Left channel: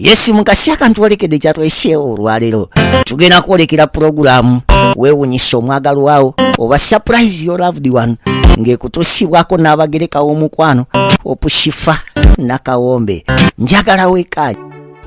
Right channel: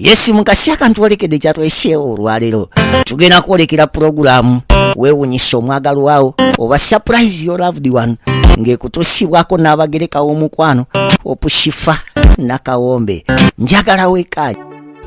Yes mukasi akantu olekedde kyatweseewo olwaleero tugenda kwolekera puroguramu weewunyisa omwagalo waawo oba surprise your loved one ng'ekutuusibwako n'abagereka w'omukwano Shifah nakawombe njagala weekaayi.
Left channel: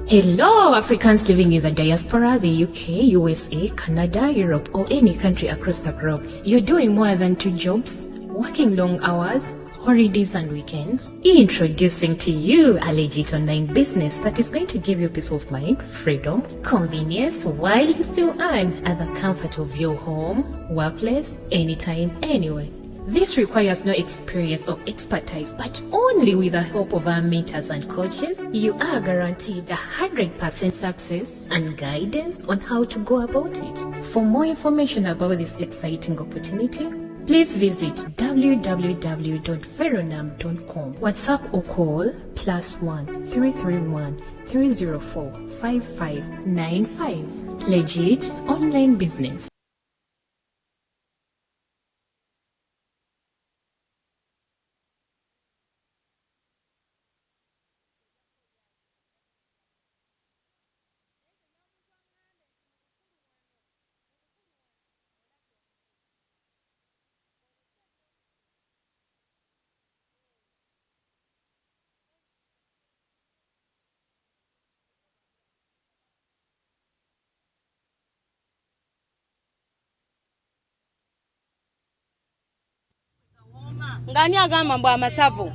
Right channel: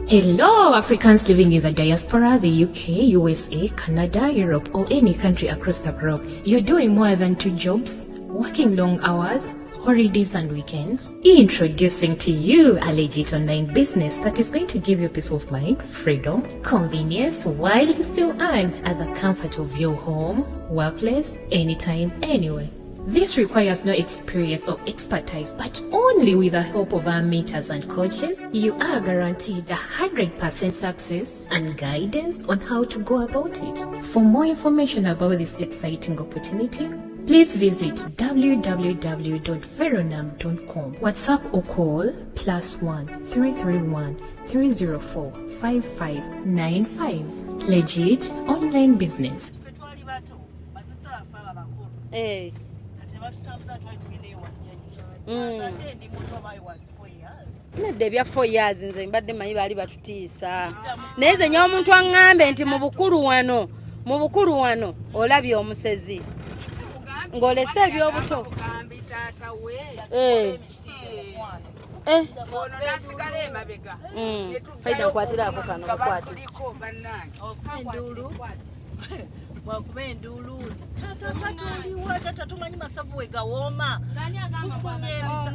Hello, Africans living in the diaspora, the UK, USA, Canada, Europe, or any country across the globe. You're doing more than 2 jobs, working long hours, holidays and weekends. Introducing to you a legit online business that is going to give you peace of mind, freedom, convenience, while you still earn at the comfort of your home, workplace, anytime, anywhere. This requires no experience or expertise, but only with the help of our mentors and coaches, you are guaranteed 100% success and guidance on how to go about it. For more information about this exciting opportunity, please visit www.veronam.com. WhatsApp or call +1 331 304 5595. Legit online business. Hey. Nedde bya 4 years nze mbadde manyi bali batutiisa naye nze nyawo omuntu aŋŋambe nti mu bukulu wano olabye omusezi ng'olese ebyobuto faida nkwatiraako kano bukwati wakubendulu tata tumanyi masavu wegawooma ngani agamba mbwa amasavu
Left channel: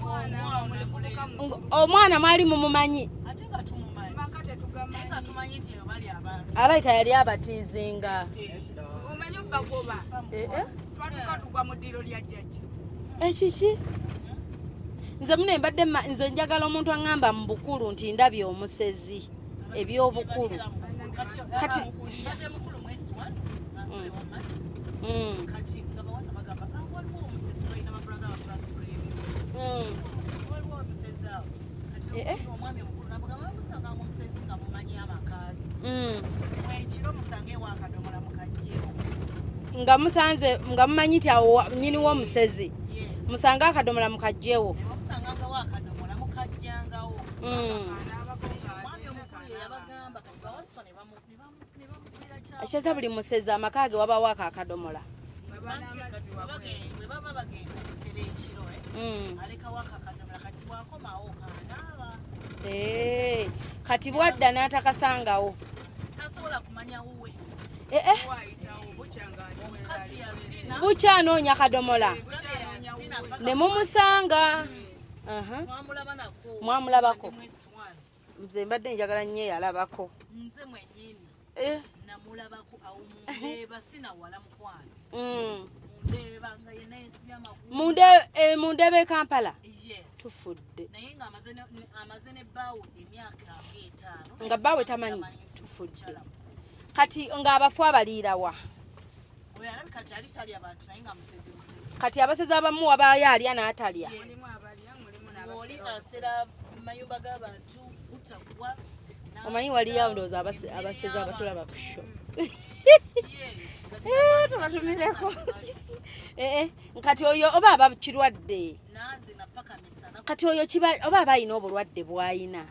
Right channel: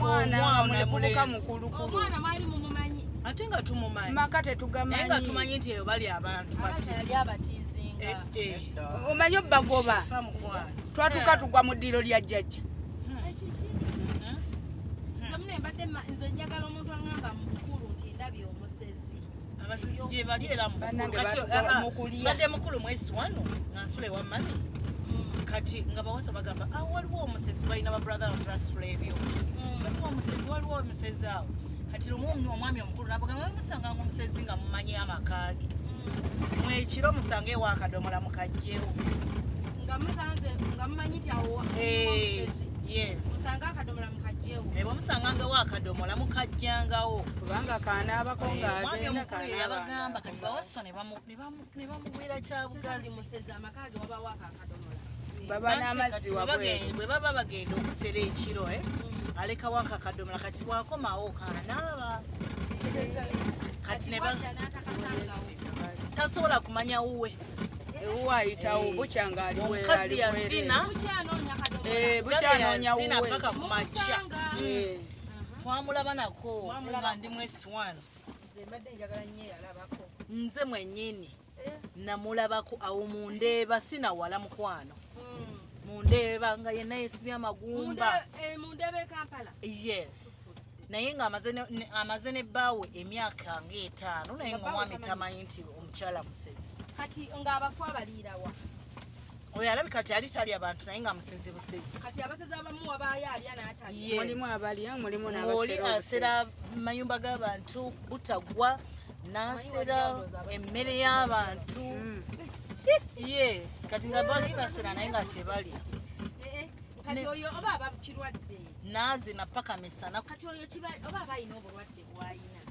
omwana mwali mumumanyi ate nga tumumanyi makate tugamanyi nga tumanyi nti eyo bali abantu alaika yali abatizinga omanyi bagoba twatuka tugwa mu ddiro lya jjajja ekiki nze mune mbadde nze njagala omuntu aŋŋamba mu bukulu nti ndabye omusezi ebyobukulu badde mukulu mwezi wano nasule wamani kati nga bawasa bagamba waliwo omusezi balina babrother basitula ebyo waliwo omusezi awo kati omwami omukulu nabagamba musanga omusezi nga mumanyi amakaage mwekiro musange ewa akadomola mukajjewo nga musanze nga mumanyi nti awo nyini w'omusezi musanga akadomola mukajjewo musanga wa akadomola mukajjangawo omwami omukulu yabagamba kati bawaswa ne bamugwira kyabwe ekyeza buli musezi amakaage wabawo akadomola baba n'amazzi bwe baba bagenda okusera ekiro alekawo akadomola kati bwakomawo kanaaba kati bwadda n'atakasangawo tasobola kumanya wuwe bucyanoonya kadomola ne mumusanga twamulaba nako mwamulabako nze mbadde njagala nnyo eyalabako nze mwennyini namulabako awo mundeeba sinawala mukwano mundeeba nga yenna yesibye amagumba mundeeba e Kampala tufudde naye nga amaze ne bbaawe emyaka nga 5 nga bbaawe tamanyi nti fuchala musezi kati ng'abafu abaliirawa oyo alabika kati ali tali abantu naye nga musezi busezi kati abasezi abamu wabayo alya n'atalya mulimu abalya mulimu n'oli asera mayumba g'abantu butagwa omanyi waliyo ndowooza emmere y'abantu kati nabantu kati oyo oba aba kirwadde naazi napaka misana kati oyo oba aba alina obulwadde bw'ayina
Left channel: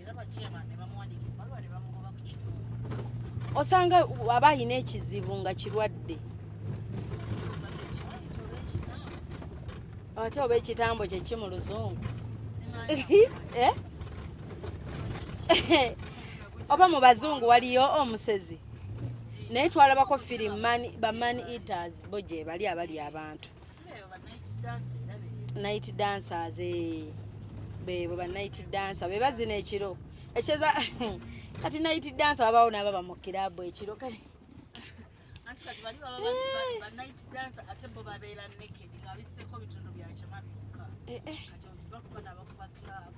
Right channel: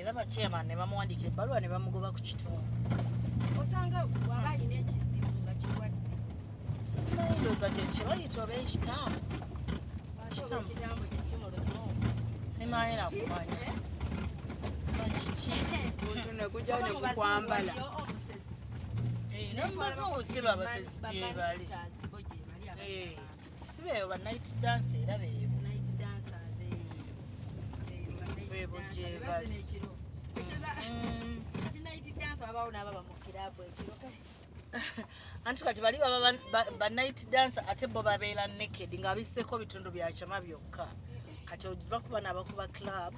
era bachairman ne bamuwandikira ebbaluwa ne bamugoba ku kitundu osanga aba alina ekizibu nga kirwadde simanyiroza kyekibayita oba ekitambo ate oba ekitambo kyeki mu luzungu oba mu bazungu waliyo omusezi naye twalabako firimu bamani eaters bo gye bali abali abantu night dancers bebo ba night dancer be bazina ekiro ekyeza kati night dancer wabawo n'ababa mu kirabu ekiro kati anti kati bali ba night dancer ate bo babeera naked nga biseko bitundu bya chama byokka kati ojiva kuba n'abakuba club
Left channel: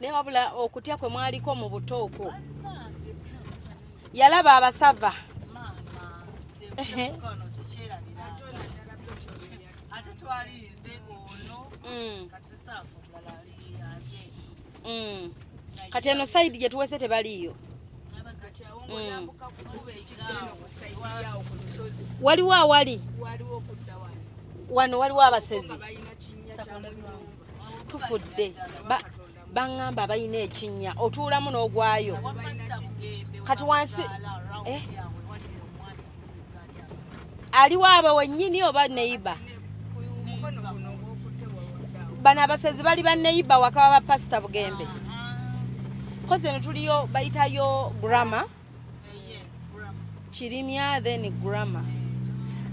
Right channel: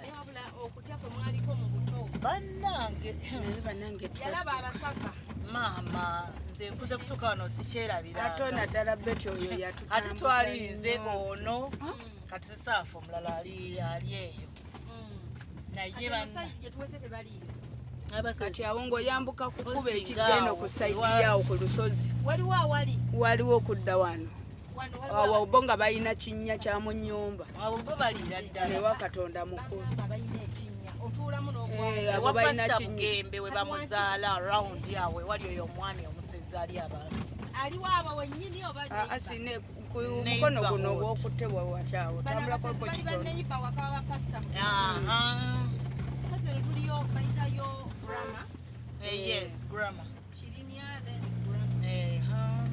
naye wabula okutya kwe mwaliko mu butooko bannange yalaba abasava maama nze nkuze kutuuka wano sikyerabira atona ddala beti oyo yatutambuza ate twalinze ono kati sisaafu omulala ali eyo kati eno sayidi gye tuwese tebaliyo kati awo ng'oyambuka kukuba ekigeno ku sayidi yawo ku lusozi waliwo awali waliwo okudda wano wano waliwo abasezi nga balina kinnya kya mu nnyumba tufudde Katonda mu baŋŋamba balina ekinnya otuulamu n'ogwayo kati wansi aliwo abo wennyini oba neyiba mukono guno ogwokutte bwawakyawo bano abasezi bali banneyiba waka wa bapasita bugembe kozi eno tuliyo bayitayo Gulamma kirimya then Gulamma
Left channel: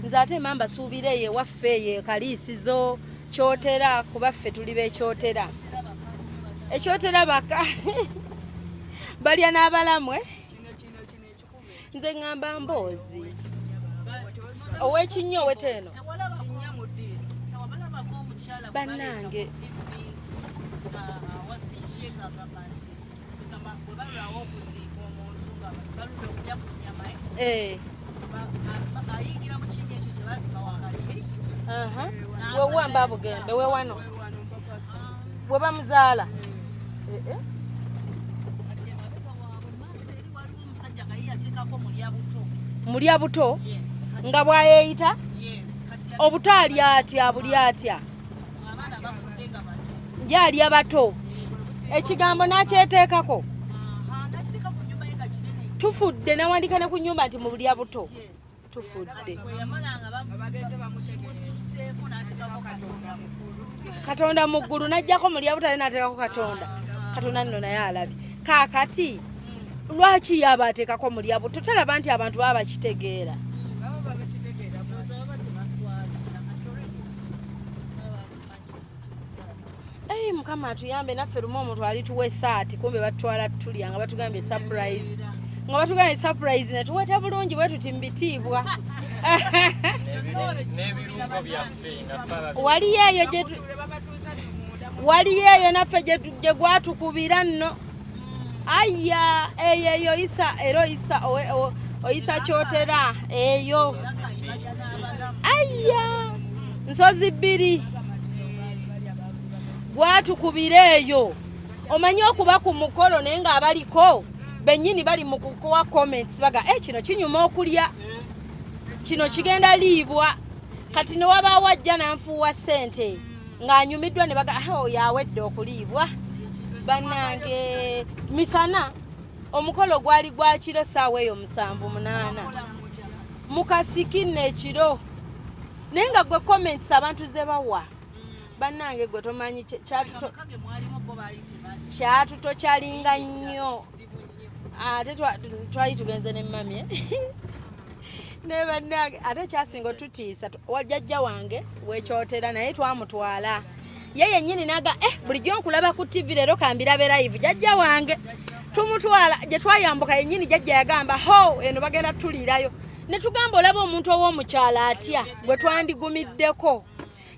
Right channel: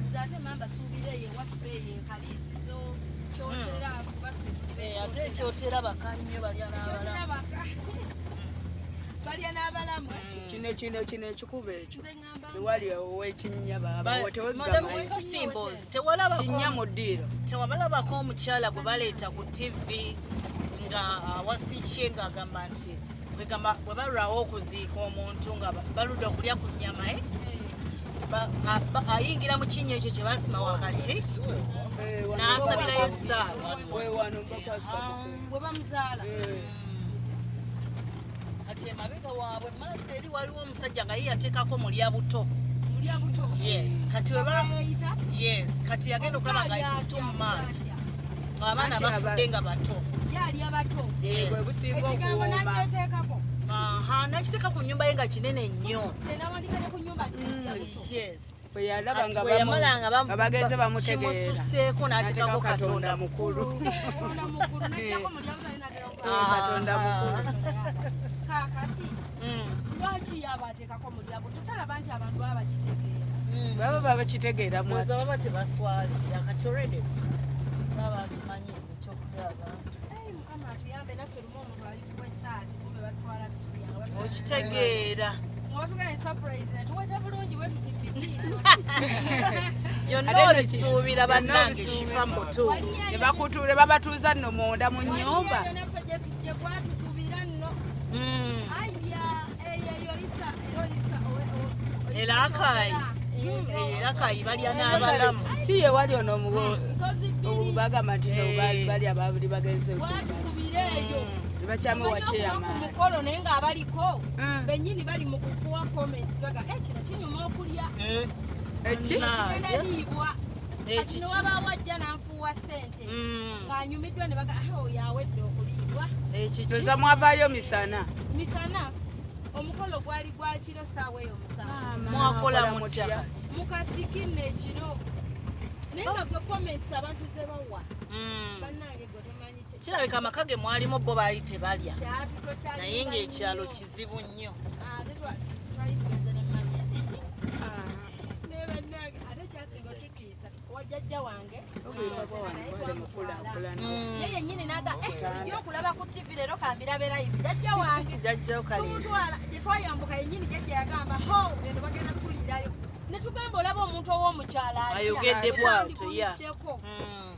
nze ate mamba suubira eyo ewaffe eyo kaliisizo kyotera kuba ffe tuli bekyotera ekyotera baka balya n'abalamwe kino ekikuba ekyo nze ŋŋamba Emboozi ow'ekinnya ow'ekinnya oweteno kinnya mu ddiiro tewabalabako omukyala gwe baleeta ku TV nga wa speech ye ng'agamba nti bwe balwawo okuziika omuntu nga baludde okulya ku nnyama ayingira mu kinnya ekyo kye basima wakati n'asabira ewewano bwe bamuzaala kati emabega waabwe maaso eri waliwo omusajja nga ye yateekako mulya buto nga bw'ayeeyita obuto ali atya buli atya abaana bafudde nga bato gy'alya bato ekigambo n'akyeteekako nakiteeka ku nnyumba ye nga kinene nnyo tufudde nawandika ne ku nnyumba nti mu bulya buto bagenze bamutegeera kimususeeko n'ateekako katonda mukulu katonda mu ggulu n'ajjako mulya buto ale n'ateekako katonda nno naye alabye kaakati lwaki yaba ateekako mulya buto talaba nti abantu baba bakitegeera baba babakitegeera baba tebaswale yakati already baba bakimanyi ekyokulya mukama atuyambe naffe lumu omuntu alituwa esaati kumbe batutwala tulya nga batugambye surprise nga batugambye surprise ne tuweta bulungi bwe tuti mbitiibwa waliyo eyo naffe gye gwatukubira nno aya eyo isa era oyisa kyotera eyo nsozi bbiri gwatukubira eyo omanyi okuba ku mukolo naye ng'abaliko bennyini bali mu kukuwa comments baga kino kinyuma okulya kino kigenda liibwa kati ne wabaawo ajja nanfuuwa ssente ng'anyumiddwa ne baga yawedde okuliibwa misana omukolo gwali gwa kiro ssaawa eyo 7:8 mu kasiki n'ekiro naye nga gwe comments abantu ze bawa bannange gwe tomanyi amakage mwalimu bo baali tebalya kyatuto kyalinga nnyo ate twali tugenze ne mamye ne bannange ate kyasinga otutiisa wajjajja wange wekyotera naye twamutwala ye yennyini naga bulijjo nkulaba ku TV leero kambirabe live jjajja wange tumutwala gye twayambuka yennyini jjajja yagamba eno bagenda tuliirayo ne tugamba olaba omuntu ow'omukyala atya gwe twandigumiddeko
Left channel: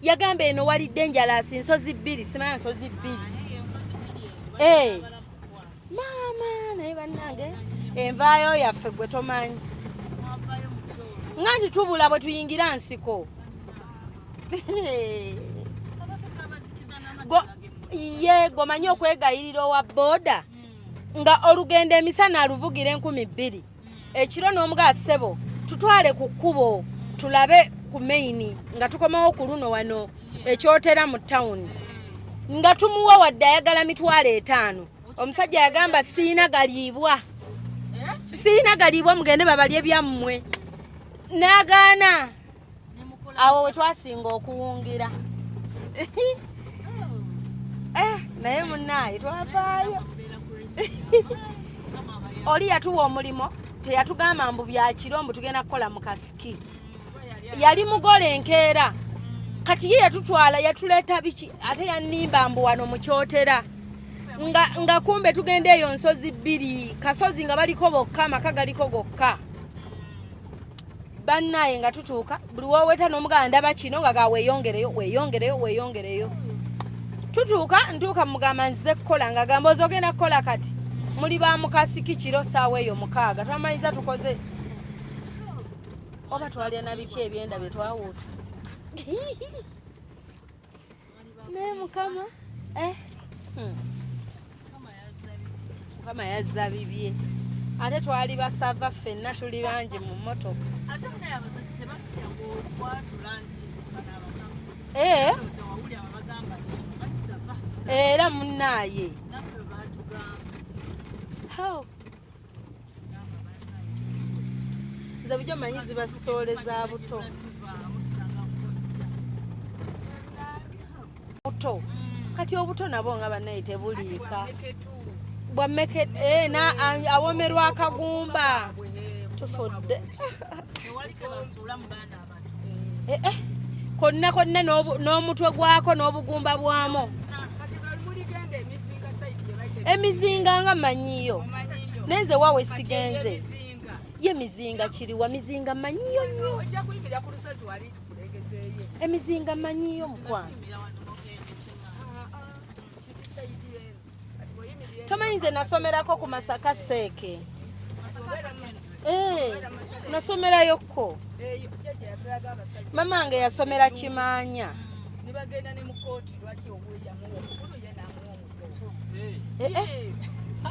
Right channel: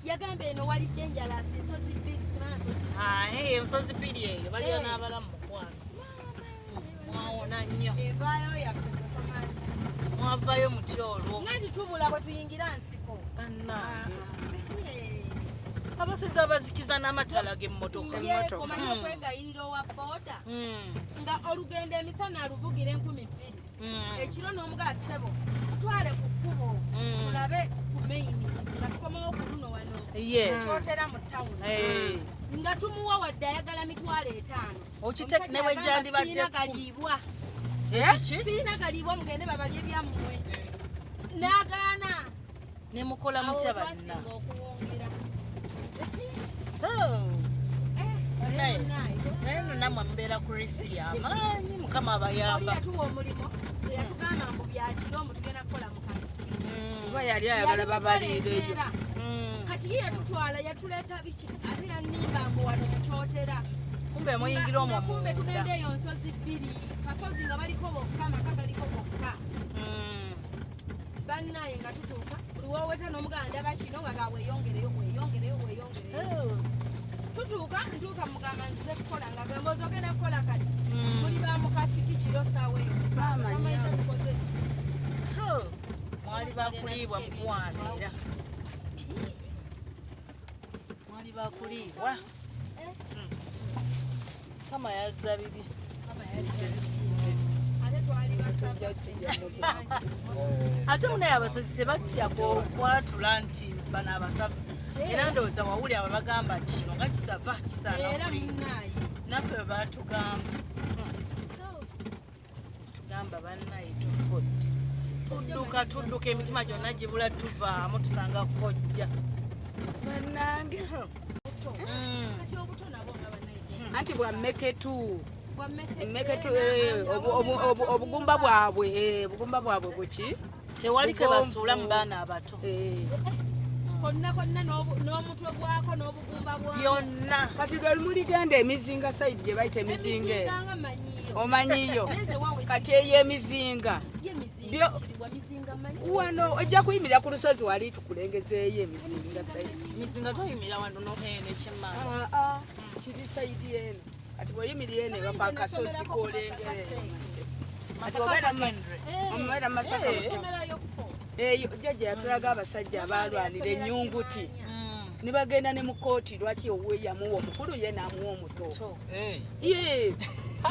yagamba eno walidde enjalasi nsozi bbiri simanya nsozi bbiri maama naye bannange envaayo yaffe gwe tomanyi nga nti tubula bwe tuyingira nsiko ye gomanyi okwegayirira owa booda nga olugendo emisana aluvugira 2,000 ekiro n'omugaa ssebo tutwale ku kkubo tulabe ku maini nga tukomawo ku luno wano ekyotera mu tawuni nga tumuwa wadde ayagala 5,000 omusajja yagamba siina galiibwa mugende babalye byammwe n'agaana awo we twasinga okuwungira naye munaaye twavaayo oli yatuwa omulimo teyatugamba mbu byakiro mbu tugenda kukola mu kasiki yali mugole enkeera kati ye yatutwala yatuleeta biki ate yannimba mbu wano mukyotera nga kumbe tugenda eyo nsozi bbiri kasozi nga baliko bokka amaka galiko gokka bannaye nga tutuuka buli wooweta n'omugala ndaba kino nga weeyongereyo ntuuka mugamba nze kukola nga gamba oza ogenda kukola kati muli ba mukasiki kiro ssaawa eyo 6 twamanyiza tukoze oba twalya na biki ebyenda byetwawuta kama yazza bibye ate twali basava ffenna tuli bangi mu mmotoka ate munaye abasezi tebatya kwatula nti bano abasava ndowooza wawuli abo bagamba nti kino nga kisava era munnaaye naffe batugamba tugamba bannaye tufudde nze bujo manyi zibasitolezagibula tuvaamu tusanga kojja bannange buto kati obuto nabo nga bannaye tebuli ati bwammeketu awomerwa akagumba bugumba bwabwe buki tewali ke basuula mu baana abato konna n'omutwe gwako n'obugumba bwamu kati lwe muligenda emizinga saidi gye bayita emizinga nga manyiyo omanyiyo nenze waawe sigenze emizinga yemizinga kiriwa mizinga manyiyo wano ojja kuyimirira ku lusozi wali tukulengezeeyo emizinga manyiyo kiri saidi eno kati bweyimirira kamanyi nze nasomerako ku Masaka Seeke nasomerayokko jjajja yatulaga abasajja mamange yasomera Kimaanya ne bagenda ne mu kooti lwaki owuwe yamuwa omukulu ye n'amuwa omuto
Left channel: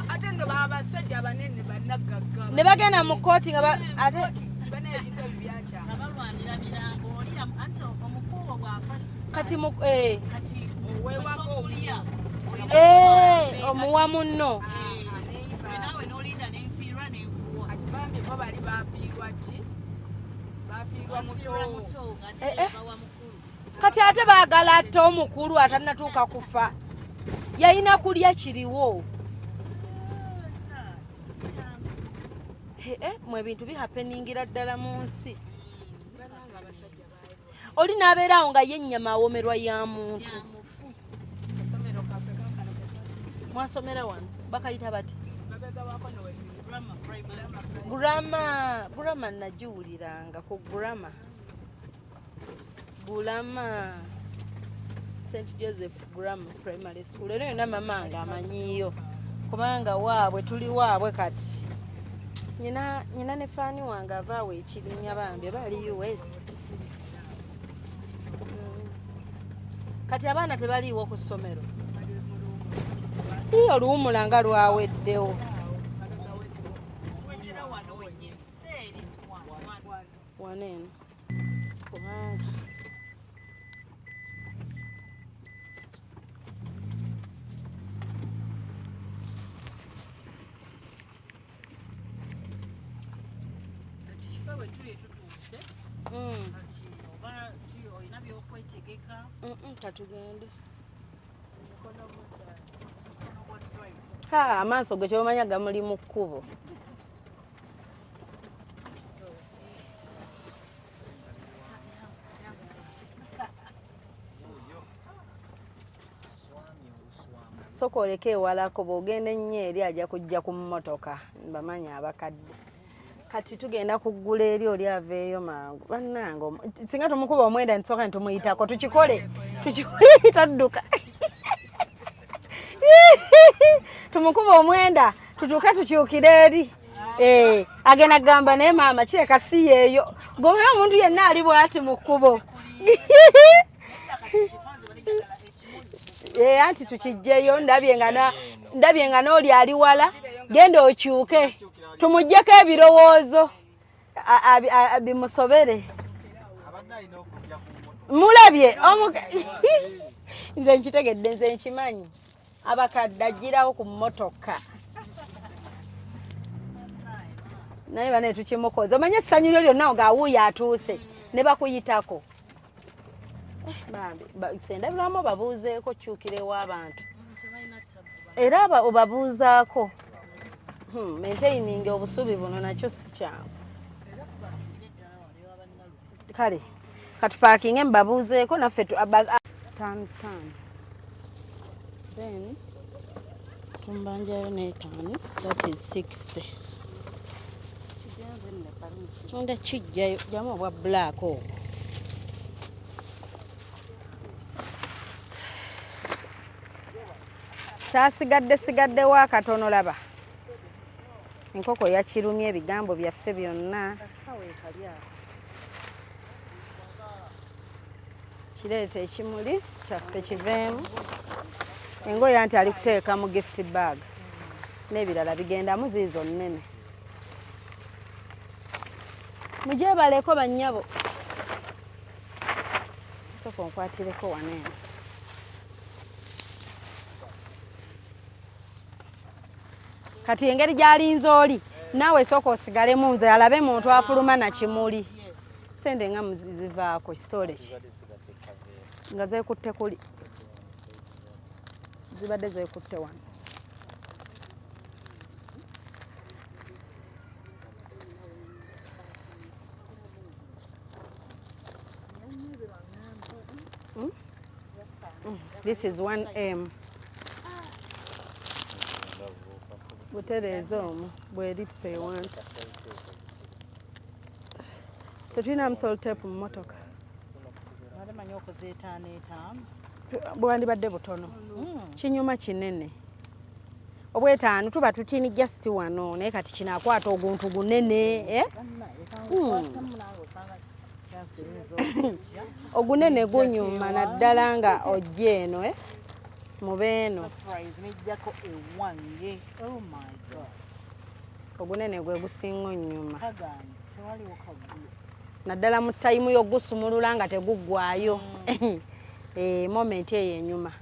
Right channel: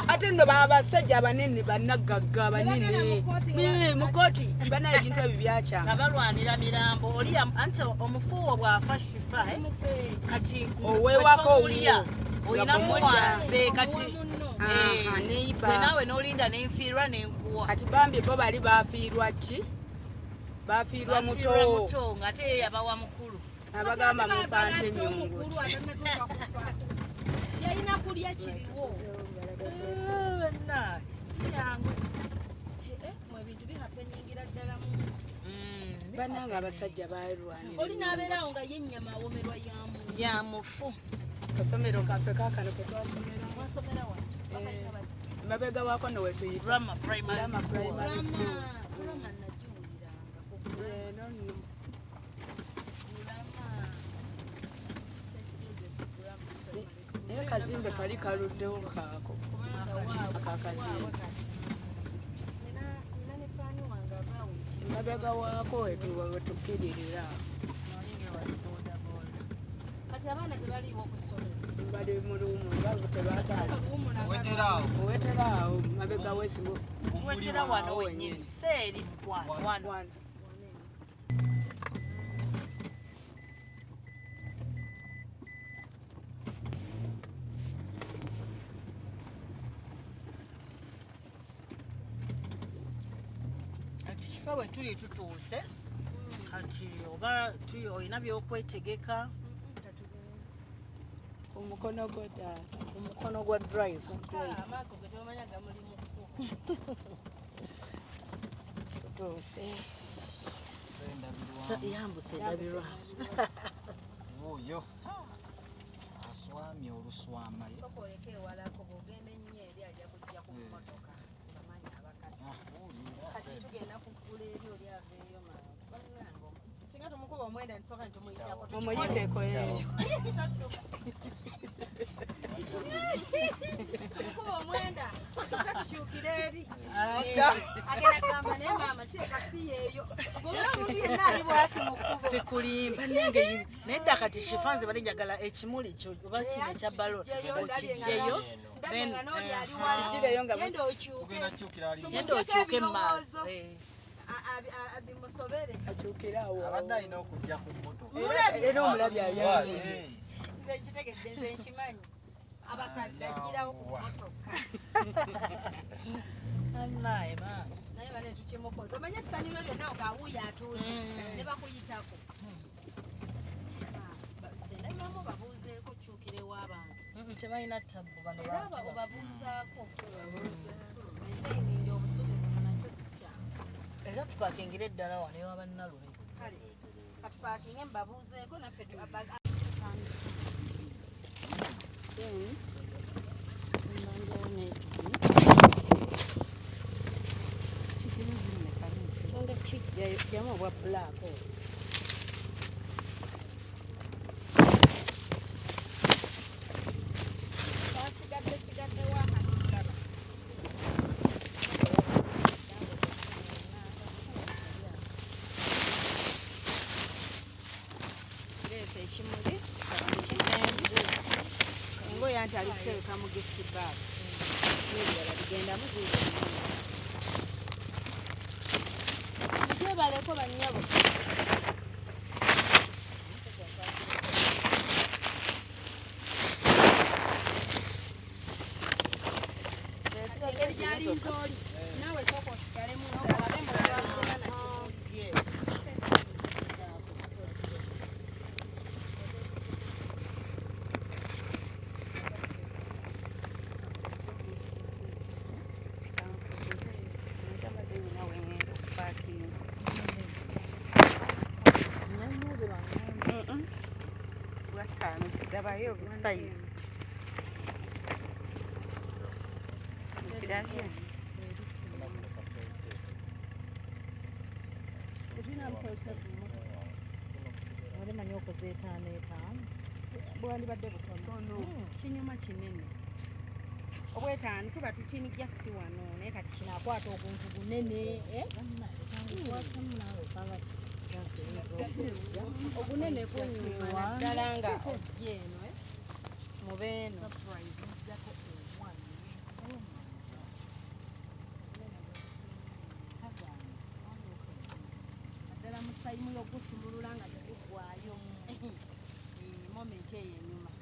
ate nno abasajja abanene bannagagga ne bagenda mu kooti nga banaye ebintu ebyo byakyama nga balwanira mirambo oli anti omufuuwo bw'afa kati owewako owulya omuwa munno naawe n'olinda n'enfiirwa n'enkuwa kati bambi bo bali bafiirwa ki bafiirwa muto ng'ate yabawa mukulu kati ate baagala atte omukulu atanatuuka kufa yalina kulya kiriwo mu ebintu bihapeningira ddala mu nsi bannanga abasajja balwana oli n'abeera awo nga ye ennyama awomerwa yamufu kasomero kaffe kakano ke twasomera mwasomera wano bakayita bati mabega waako ne wetuyita Gulamma nagiwuliranga ku Gulamma St. Joseph Gulamma Primary School era yonna mamange amanyiyo kubanga waabwe tuli waabwe kati nyina ne faani wange avaawo ekirinya bambi era oliwezi kati abaana tebaliiwo ku ssomero tiyo luwumula nga lwaweddewo tuwetera wano wenyini seeri waneeno kubanga kati Shifah bwe tuli tutuuse kati oba olina byokwetegeka katugende omukono gwa drive amaaso ge kyomanya gamuli mu kkubo tutuuse yambuse ndabirwa soka oleka ewalako bw'ogenda ennyo eri ajja kujja ku mmotoka mbamanya abakadde kati tugenda kuggula eri oli aveeyo mangu bannange singa tumukuba omwenda ntisooka nitumuyitako tukikole tadduka tumukuba omwenda tutuuke tukyukire eri agenda kugamba naye maama kireka si yeeyo gobeyo omuntu yenna ali bwati mu kkubo anti tukijjeyo ndabye nga n'oli ali wala genda okyuke tumuggyeko ebirowoozo bimusobere mulabye nze nkitegedde nze nkimanyi abakadde agirawo ku mmotoka naye bane tukimukoze omanye essanyu lyo lyonna ngaawuuyo atuuse ne bakuyitako sendabiramu obabuuzeeko kyukirewo abantu era obabuuzaako maintaining obusubi buno nakyo si kyangu kale katupakinge mbabuuzeeko naffe mbanjayo n'etaano 60 onda kijjayo jamu obwa black ogwo sigaddewo akatono laba enkoko yakirumya ebigambo byaffe byonna kireeta ekimuli kyaffe kiveemu engoye anti ali kuteeka mu gift bag n'ebirala bigendamu ziizo nnene Mujebaleko bannyabo. Soko nkwatireko wano. Kati engeri gy'alinze oli naawe soko osigalemu nze alabe muntu afuluma na kimuli. Sende nga muzivaako kitole nga zeekutte kuli. Zibadde zeekutte wano. This is 1M. Mutereeza omu bwerippe ewantu. Tetulina musoltepu mu mmotoka. Alimanyi okuzeetaano. Bwandibadde butono. Kinyuma kinene. Obwetaano tuba tutini just wano naye kati kinaakwata oguntu gunene. Ogunene gunyuma naddala nga ojja eno mubeeno. Ogunene gwe gusinga onnyuma. Naddala mu tayimu y'ogusumulula nga teguggwayo. Moment eyo enyuma.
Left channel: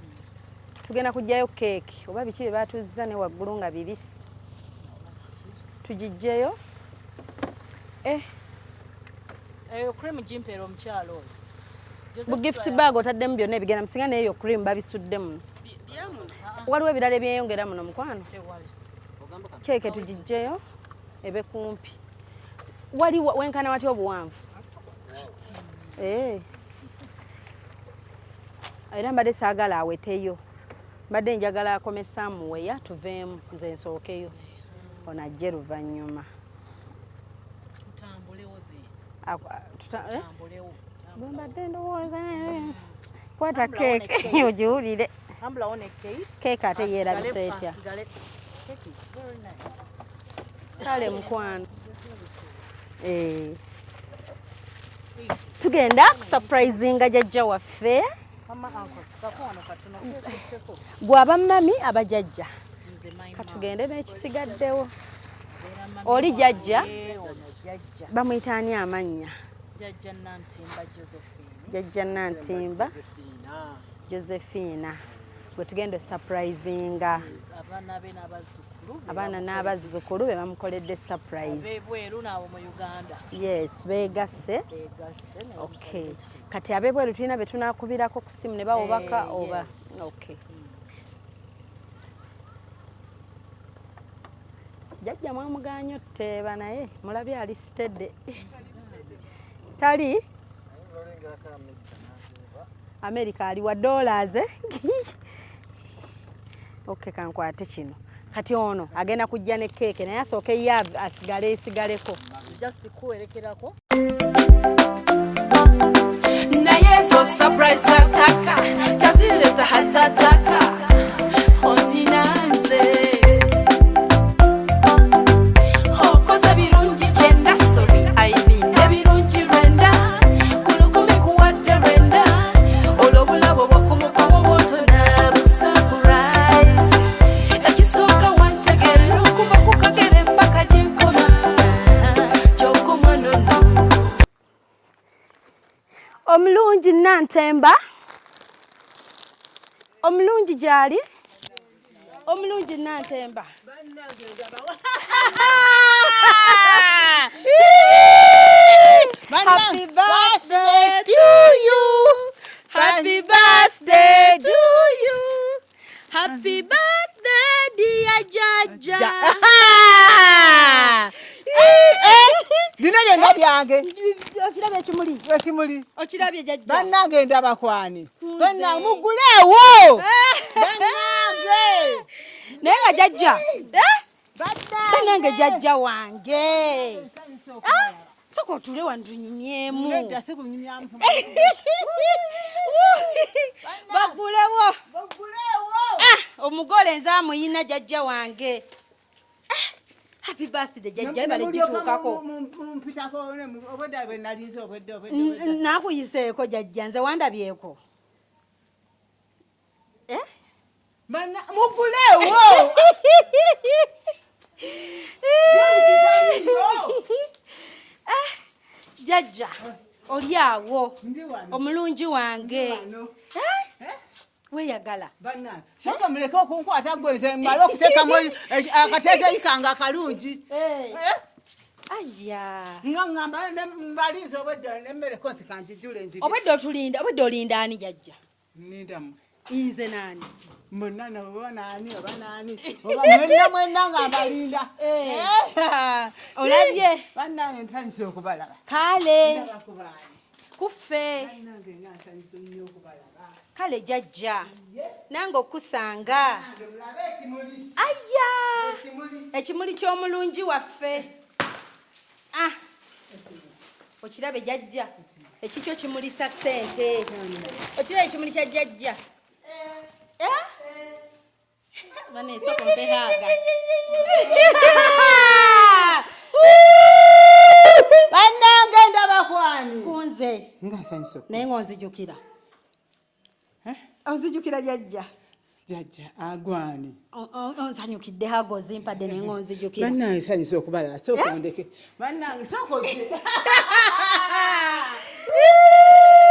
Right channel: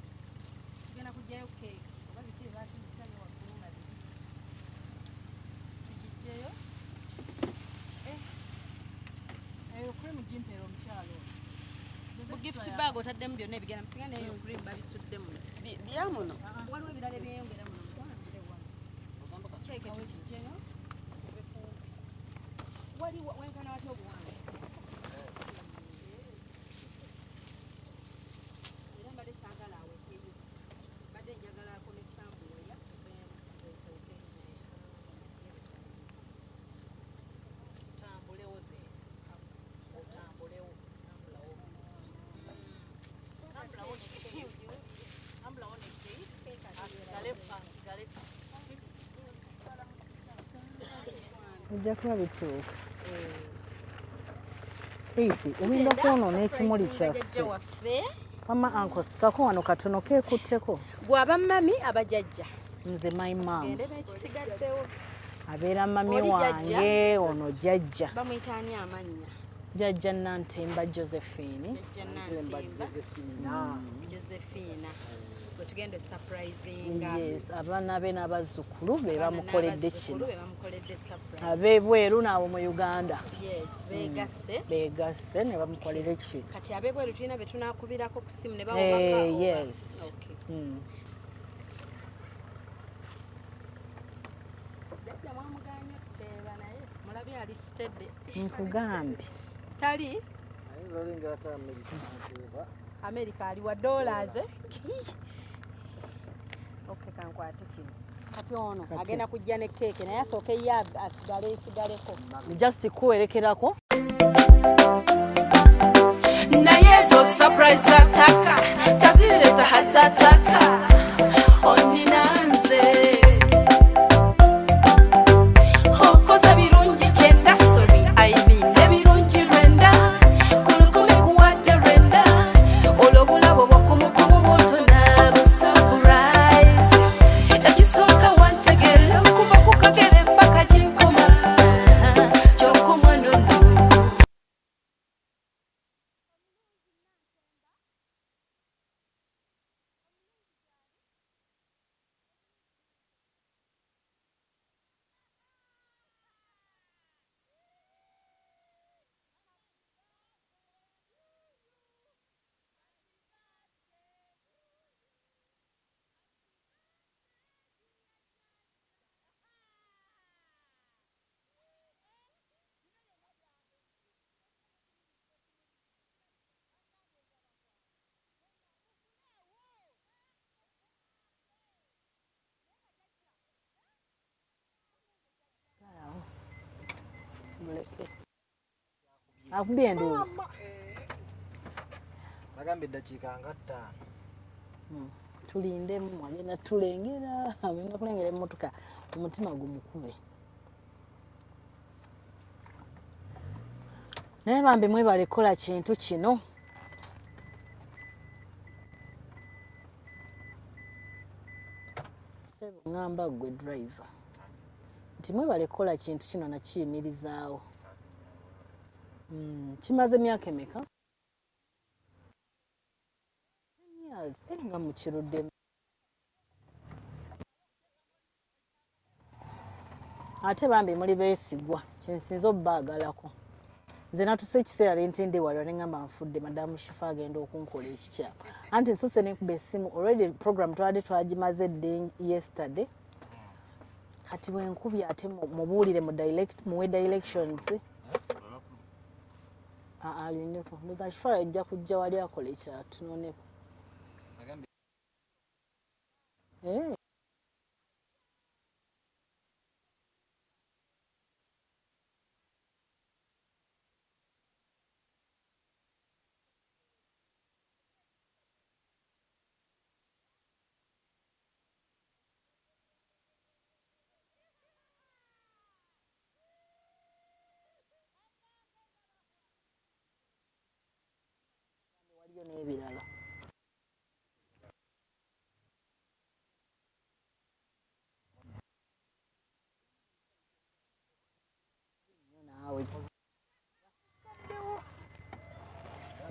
Tugenda kuggyayo keeki oba biki bye baatuzza ne waggulu nga bibisi. Tugiggyeyo. Eyo cream jimpeera omukyalo oyo. Bu gift bag otaddemu byonna ebigenda musinga n'eyo cream babisudde muno. Waliwo ebirala ebyeyongera muno mukwano. Keeke tugiggyeyo ebe kumpi. Wali wenkana watya obuwanvu? Era mbadde saagala aweteyo. Mbadde njagala akomesa muweya tuveemu nze nsookeyo. Ono ajje luvannyuma. Mbadde ndowooza kwata keeke ogiwulire. Keeke ate yeerabisa etya? Kale mukwano ojja kuba bituuka. Tugenda surprisinga jjajja waffe. Mama Uncle sikako wano katono keekutteko. Gwaba mami abajjajja. Nze my mom. Tugende n'ekisigaddewo. Abeera mami oli jjajja. Ono jjajja. Bamuyita ani amannya? Jjajja Nantimba Josephine. Jjajja Nantimba Josephine. Gwe tugenda surprisinga. Yes, abaana be n'abazzukulu be bamukoledde surprise. Ab'ebweru n'abo mu Uganda. Yes, beegasse ne bamukolera ekintu. Kati ab'ebweru tulina be tunaakubirako ku simu ne bawubaka oba? Yes. Okay. Jjajja mwamuganya otuteeba naye mulabye ali stedde. Nkugambye. Tali? America ali wa dollars. Okay, kankwate kino. Kati ono agenda kujja ne keeke naye asooke ye asigaleko. Just kuwerekerako. Naye zo surprise ataka tazileta hatataka oninanze okoza birungi kyenda sorry aibinde birungi rwenda kulukumi kuwadde rwenda olobulabo bwakumukomo moto n'abusurprise ekisooka wantegera okuva ku kagere paka ginkoma kyokumwanono. Omulungi Nantemba. Omulungi gyali. Omulungi Nantemba. Happy birthday to you. Happy birthday to you. Happy birthday dear Jaja. Bino byonna byange. Okirabye ekimuli. Ekimuli. Okirabye jjajja. Bannange ndabakwani. Bonna muguleewo. Bannange. Naye nga jjajja. Bannange jjajja wange. Soko otule wano tunyumyemu. Bagulewo. Omugole nze amuyina jjajja wange. Happy birthday jjajja bale gituukako. Naye bambi mwebale kola kintu kino. Nakuyiseeko jjajja nze wandabyeko. Muguleewo. jajja oliawo omulungi wange weyagala soka muleke okunkwata gweze mbala okuteekamu akateeteeyi kange akalungi ate bambi muli beesigwa nsinza obbaga nze natuse ekiseera bentende wala neŋŋamba obwedde olinda ani jajja anti nsuse already program twali twagimaze dde yesterday mwenna nga mbalinda olabye kale kuffe ejja kujja wali akola ekyatunone kale jajja nange okusanga aya ekimuli ky'omulungi waffe okirabe jajja ekikyo kimulisa ssente okirabe ekimuli kya jajja baneesoko mpehaaga bannange ndabakwani kunze ngaasanyusa naye ng'onzijukira onzijukira jajja jajja agwani onsanyukidde hago zimpadde naye ng'onzijukira bannange sanyusa okubala sooka ondeke bannange sooka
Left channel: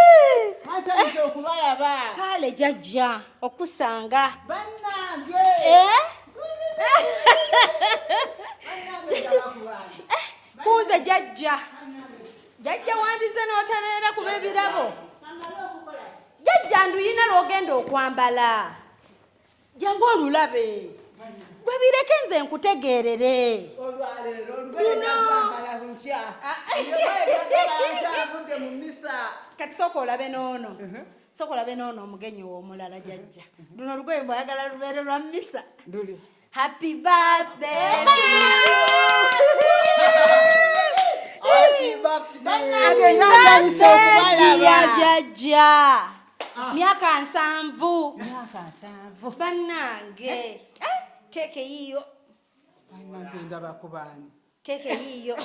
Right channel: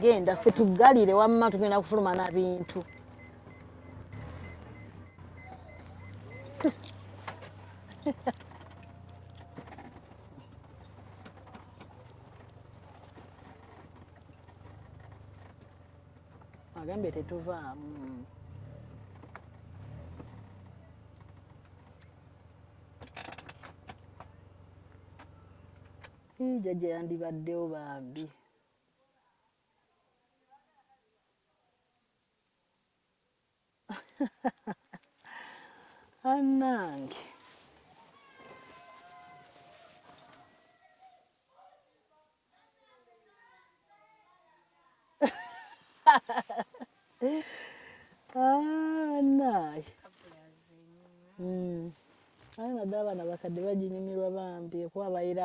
genda tutugalire wamma tugenda kufuluma kale jajja okusanga bannange kunze jajja wandize n'otaneera kuba ebirabo jajja nduyina lw'ogenda okwambala jangu olulabe gwe bireke nze nkutegeerere kati sooka olabe n'ono omugenyi w'omulala jajja luno lugoye bwayagala lubeere lwa mmisa happy birthday ya jajja myaka 7 bannange keke yiyo keke yiyo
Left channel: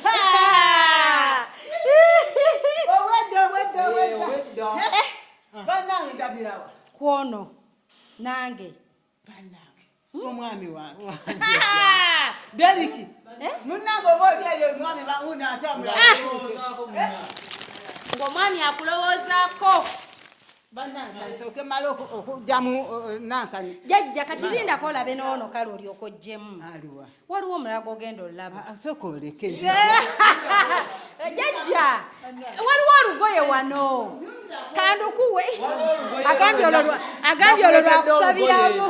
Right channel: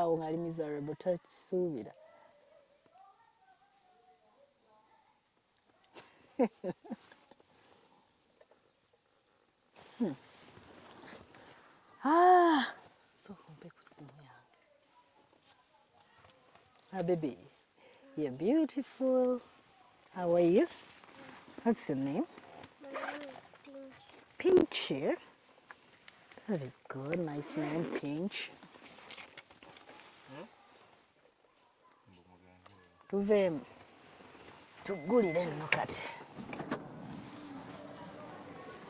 kwono nange omwami wange Deriki munange oba olyayo omwami unatambula ng'omwami akulowoozaako jajja kati lindako olabe n'ono kale olyoka oggyemu waliwo omulala ogenda olaba jajja waliwo olugoye wano kandukuwe agambye olwo lwakusabiramu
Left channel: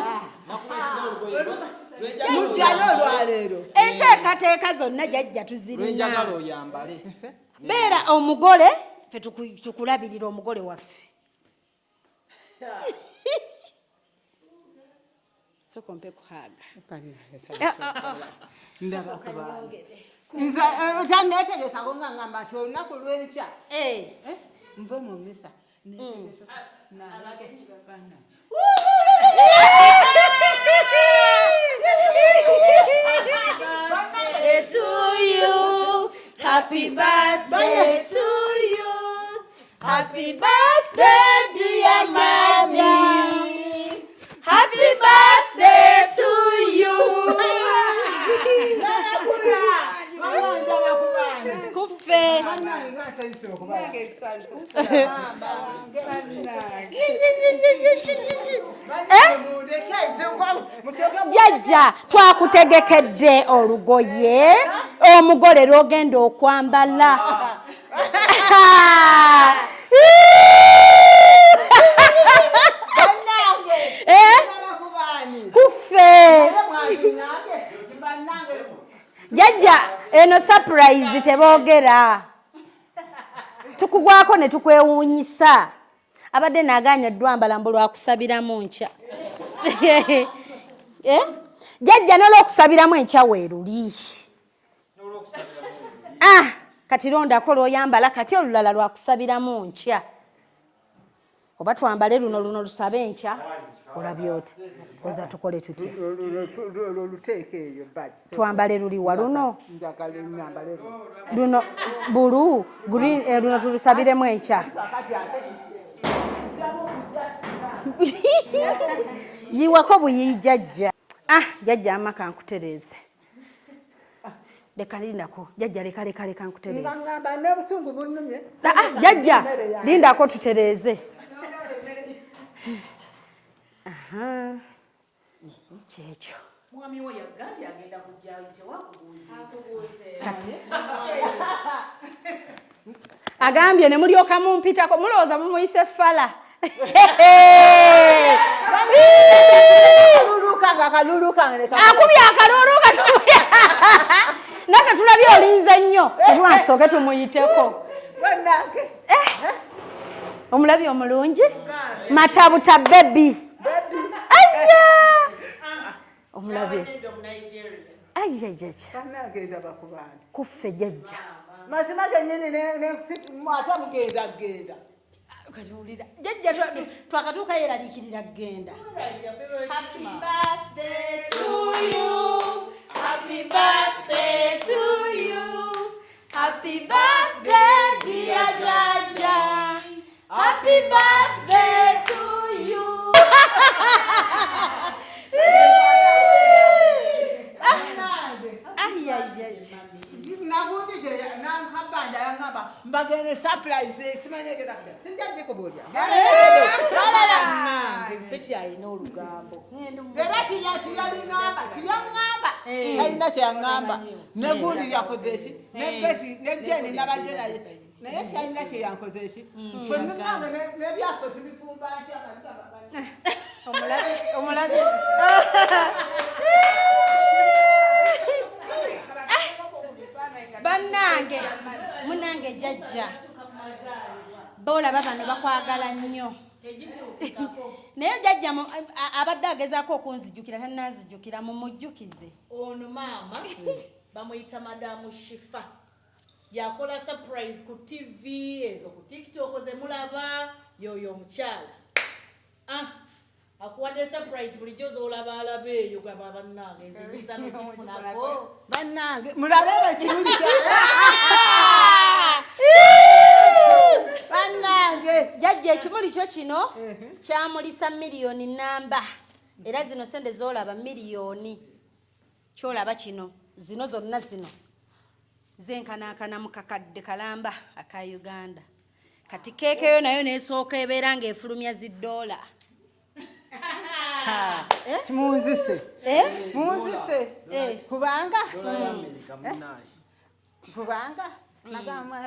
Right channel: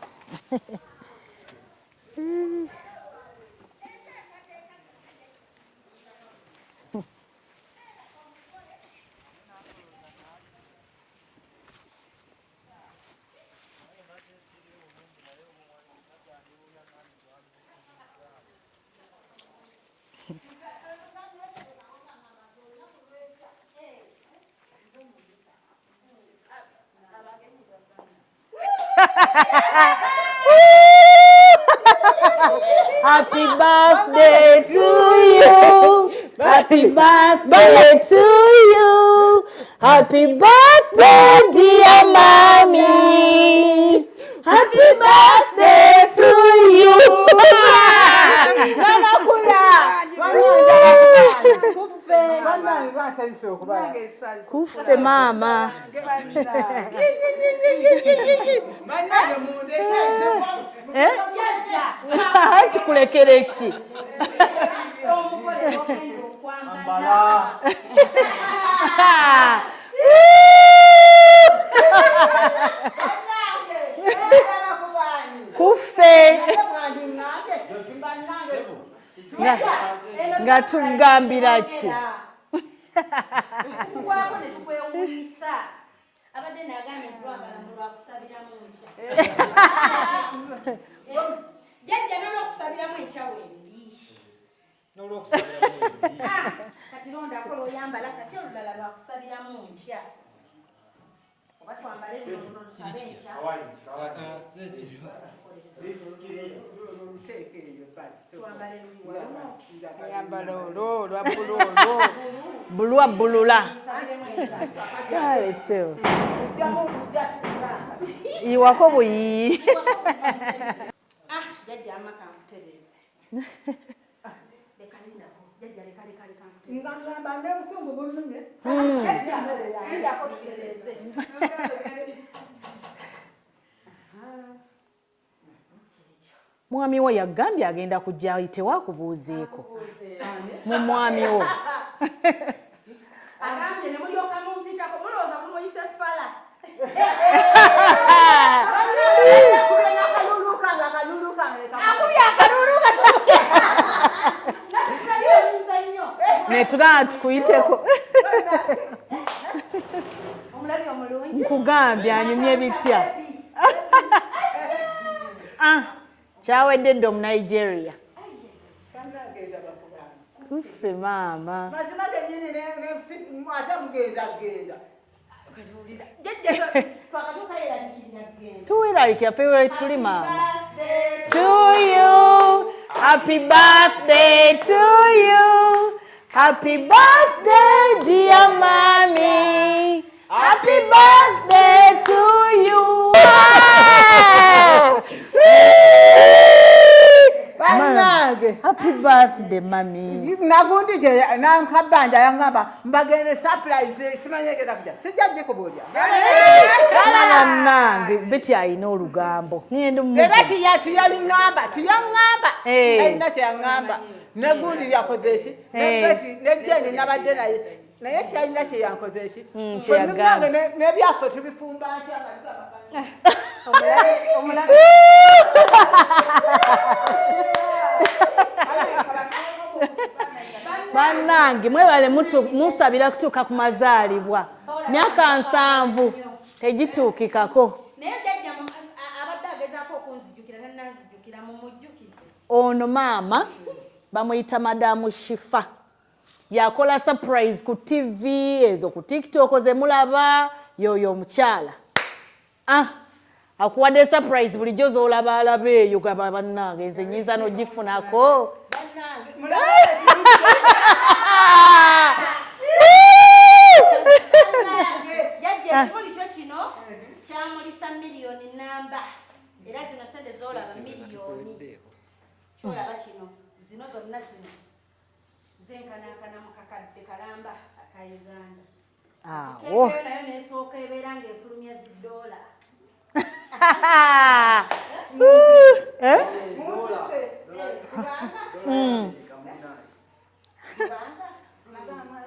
mujjayo olwaleero enteekateeka zonna jajja tuzirina beera omugole ffe tukulabirira omugole waffe sokompe kuhaaga nze otanneetegekako nga ngamba nti olunaku lw'enkya nve mu mmisa Happy birthday to you. Happy birthday to you. Happy birthday, dear mommy. Happy birthday to you. Mama Kufe mama. jajja twakutegekedde olugoye omugole lw'ogenda okwambala kufe jajja eno surprise teboogera tukugwako ne tukwewuunyisa abadde naaganya ddwambala mbu lwakusabiramu nkya jajja n'olwokusabiramu enkya weeruli kati londako lw'oyambala kati olulala lwakusabiramu nkya oba twambale luno lusabe enkya olabye oti oza tukole tuti twambale luliwa luno tulusabiremu enkya yiwako buyiyi jajja jajja amaka nkutereeze leka lindako jajja leka nkutereze ngamba ne busungu bunnumye jajja lindako tutereze kyekyo mwami wo yagambye agenda kujja ayitewa kubuuzeeko kati mu mwami wo agambye ne mulyoka mumpitako mulowooza mumuyise fala akubye akaluluka naka tulabye olinze nnyo soke tumuyiteko omulabye omulungi matabuta bebi kyawedde dde omu Nigeria kuffe jajja maama mazima gennyini ate mugenda jajja twakatuuka yeraliikirira kgenda tuweraliikira pe we tuli maama to you happy birthday to you happy birthday dear mommy happy birthday to you happy birthday mami nagundi je nankabanja yangamba mbagene surprise simanyegera kuja sijja kubulya nange beti ayina olugambo ngende mu era tiyalingamba tiyangamba ayina kyeyangamba negundi yakozeeki nebesi nejeni nabadde naye siyalina kyeyankozeeki fenange nebyaffe tubifumba omulabe bannange mwebale musabira kutuuka ku mazaalibwa myaka 7 tegituukikako naye jajja abadde agezaako okunzijjukira tannanzijjukira mumujjukize ono maama bamuyita madamu Shifah yakola surprise ku TV ezo ku TikTok zemulaba yoyo omukyala akuwadde surprise bulijjo zoolaba alaba eyo gaba bannange nze nyiza n'ogifunako bannange mulabe bannange jajja ekimuli kyo kino kyamulisa miliyoni namba era zino sente zoolaba miliyoni kyolaba kino zino zonna zino zenkanaakana mu kakadde kalamba aka Uganda kati keekeyo nayo nesooka ebeera ng'efulumya $1 munzise kubanga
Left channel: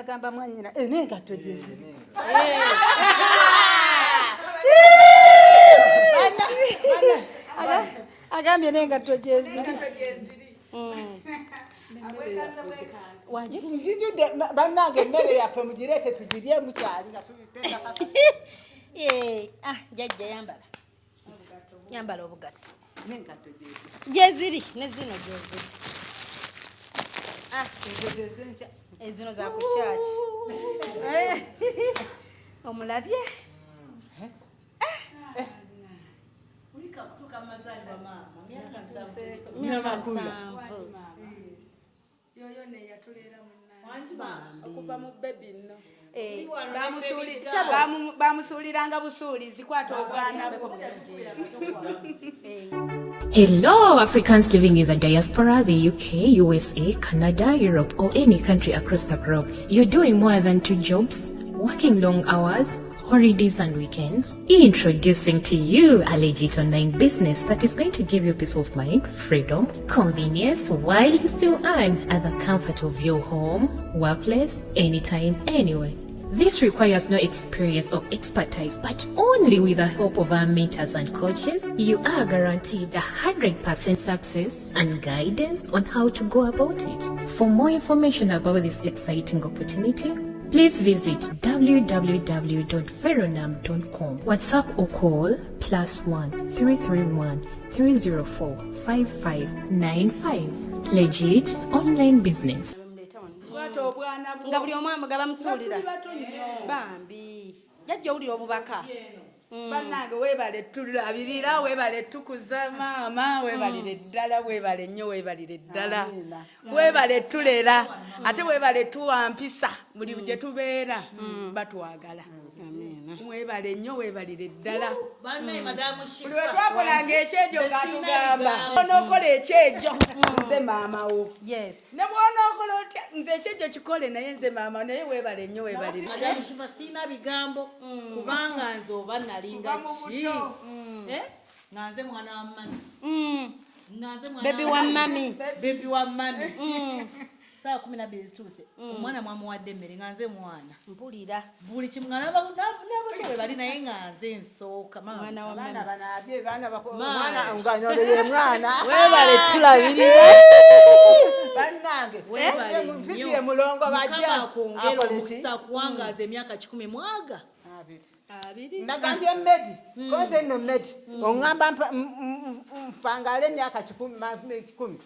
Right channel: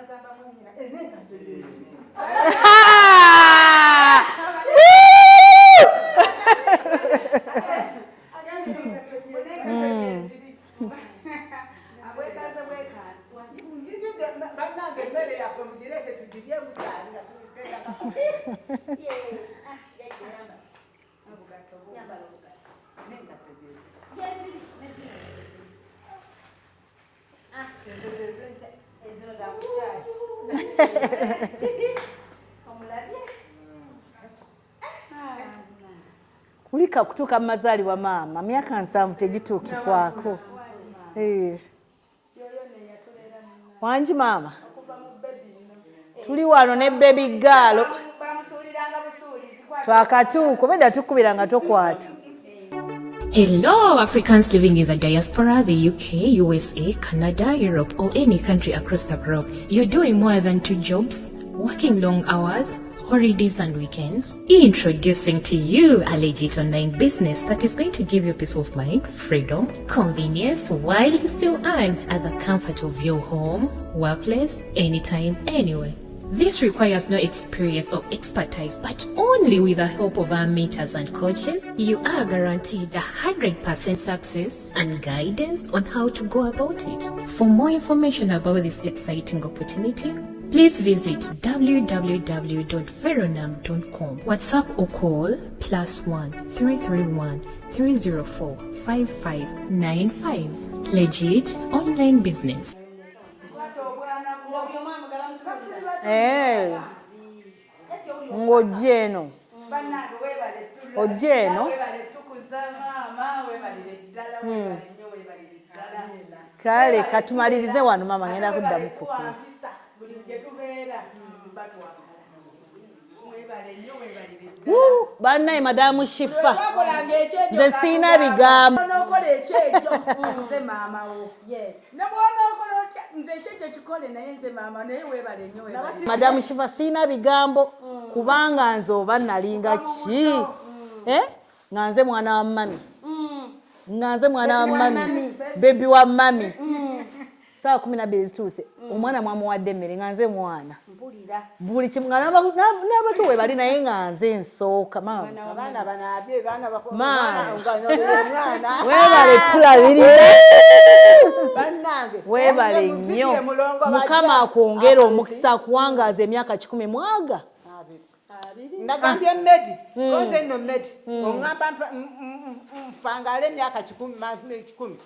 agamba mwanyina nengato agambye nengato gyeziri njijudde bannange emmere yaffe mugireete tugirye mukyali nga jajja yambala obugatto gyeziri ne zino gyeziri ezino zakukyaki omulabye kulika kutuuka mu mazaalibwa maama myaka 7 tegituukikwako wangi maama tuli wano ne baby girl bamusuuliranga busuulizi twakatuuko bedda tukubiranga tokwata. Hello, Africans living in the diaspora, the UK, USA, Canada, Europe, or any country across the globe. You're doing more than 2 jobs, working long hours, holidays and weekends. Introducing to you a legit online business that is going to give you peace of mind, freedom, convenience, while you still earn at the comfort of your home, workplace, anytime, anywhere. This requires no experience or expertise, but only with the help of our mentors and coaches, you are guaranteed 100% success and guidance on how to go about it. For more information about this exciting opportunity, please visit www.veronam.com. WhatsApp or call +1 331 304 5595. Legit online business. nga buli omwamu gabamusuulira jajja owulira ng'ojja eno bannange weebale tulabirira weebale tukuza maama weebalire ddala weebale nnyo weebalire ddala kale katumalize wano mama ate weebale tuwampisa buli gye tubeera batwagala mwebale nnyo weebalire ddala bannaye madamu Shifah wakolanga ekyejo nze siina bigambo onookola ekyejo nze maama wo Yes. ne bw'onookola otya nze ekyejo kikole naye nze maama naye weebale nnyo weebalire madamu Shifah siina bigambo kubanga nze oba nalinga ki nga nze mwana wa mami nga nze mwana wa mami bebi wa mami saa 12 zituuse omwana mwamuwadde emmere nga nze mwana buli kimu nga n'abato we bali naye nga nze nsooka abaana banaabye weebale tulabirira bannange weebale nnyo mukama akwongera omukisa akuwangaaza emyaka 10 mwaga ndagambye mmedi oze nno mmedi oŋŋamba mpangale emyaka 10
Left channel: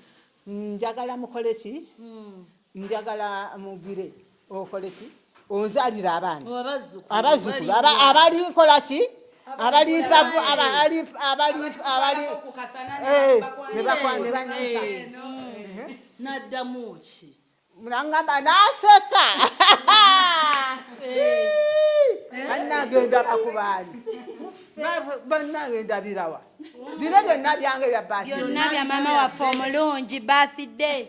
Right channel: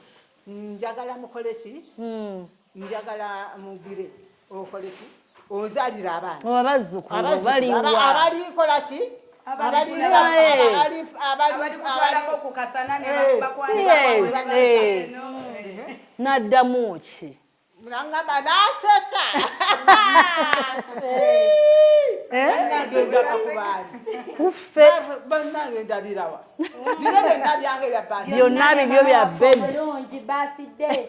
njagala mukole ki njagala mugire okole ki onzalira abaana abalikola ki naddamu ki mulangamba naseka nagenda bakubaani bannange ndabirawa biro byonna byange bya basi byonna bibyo bya Mulungi birthday.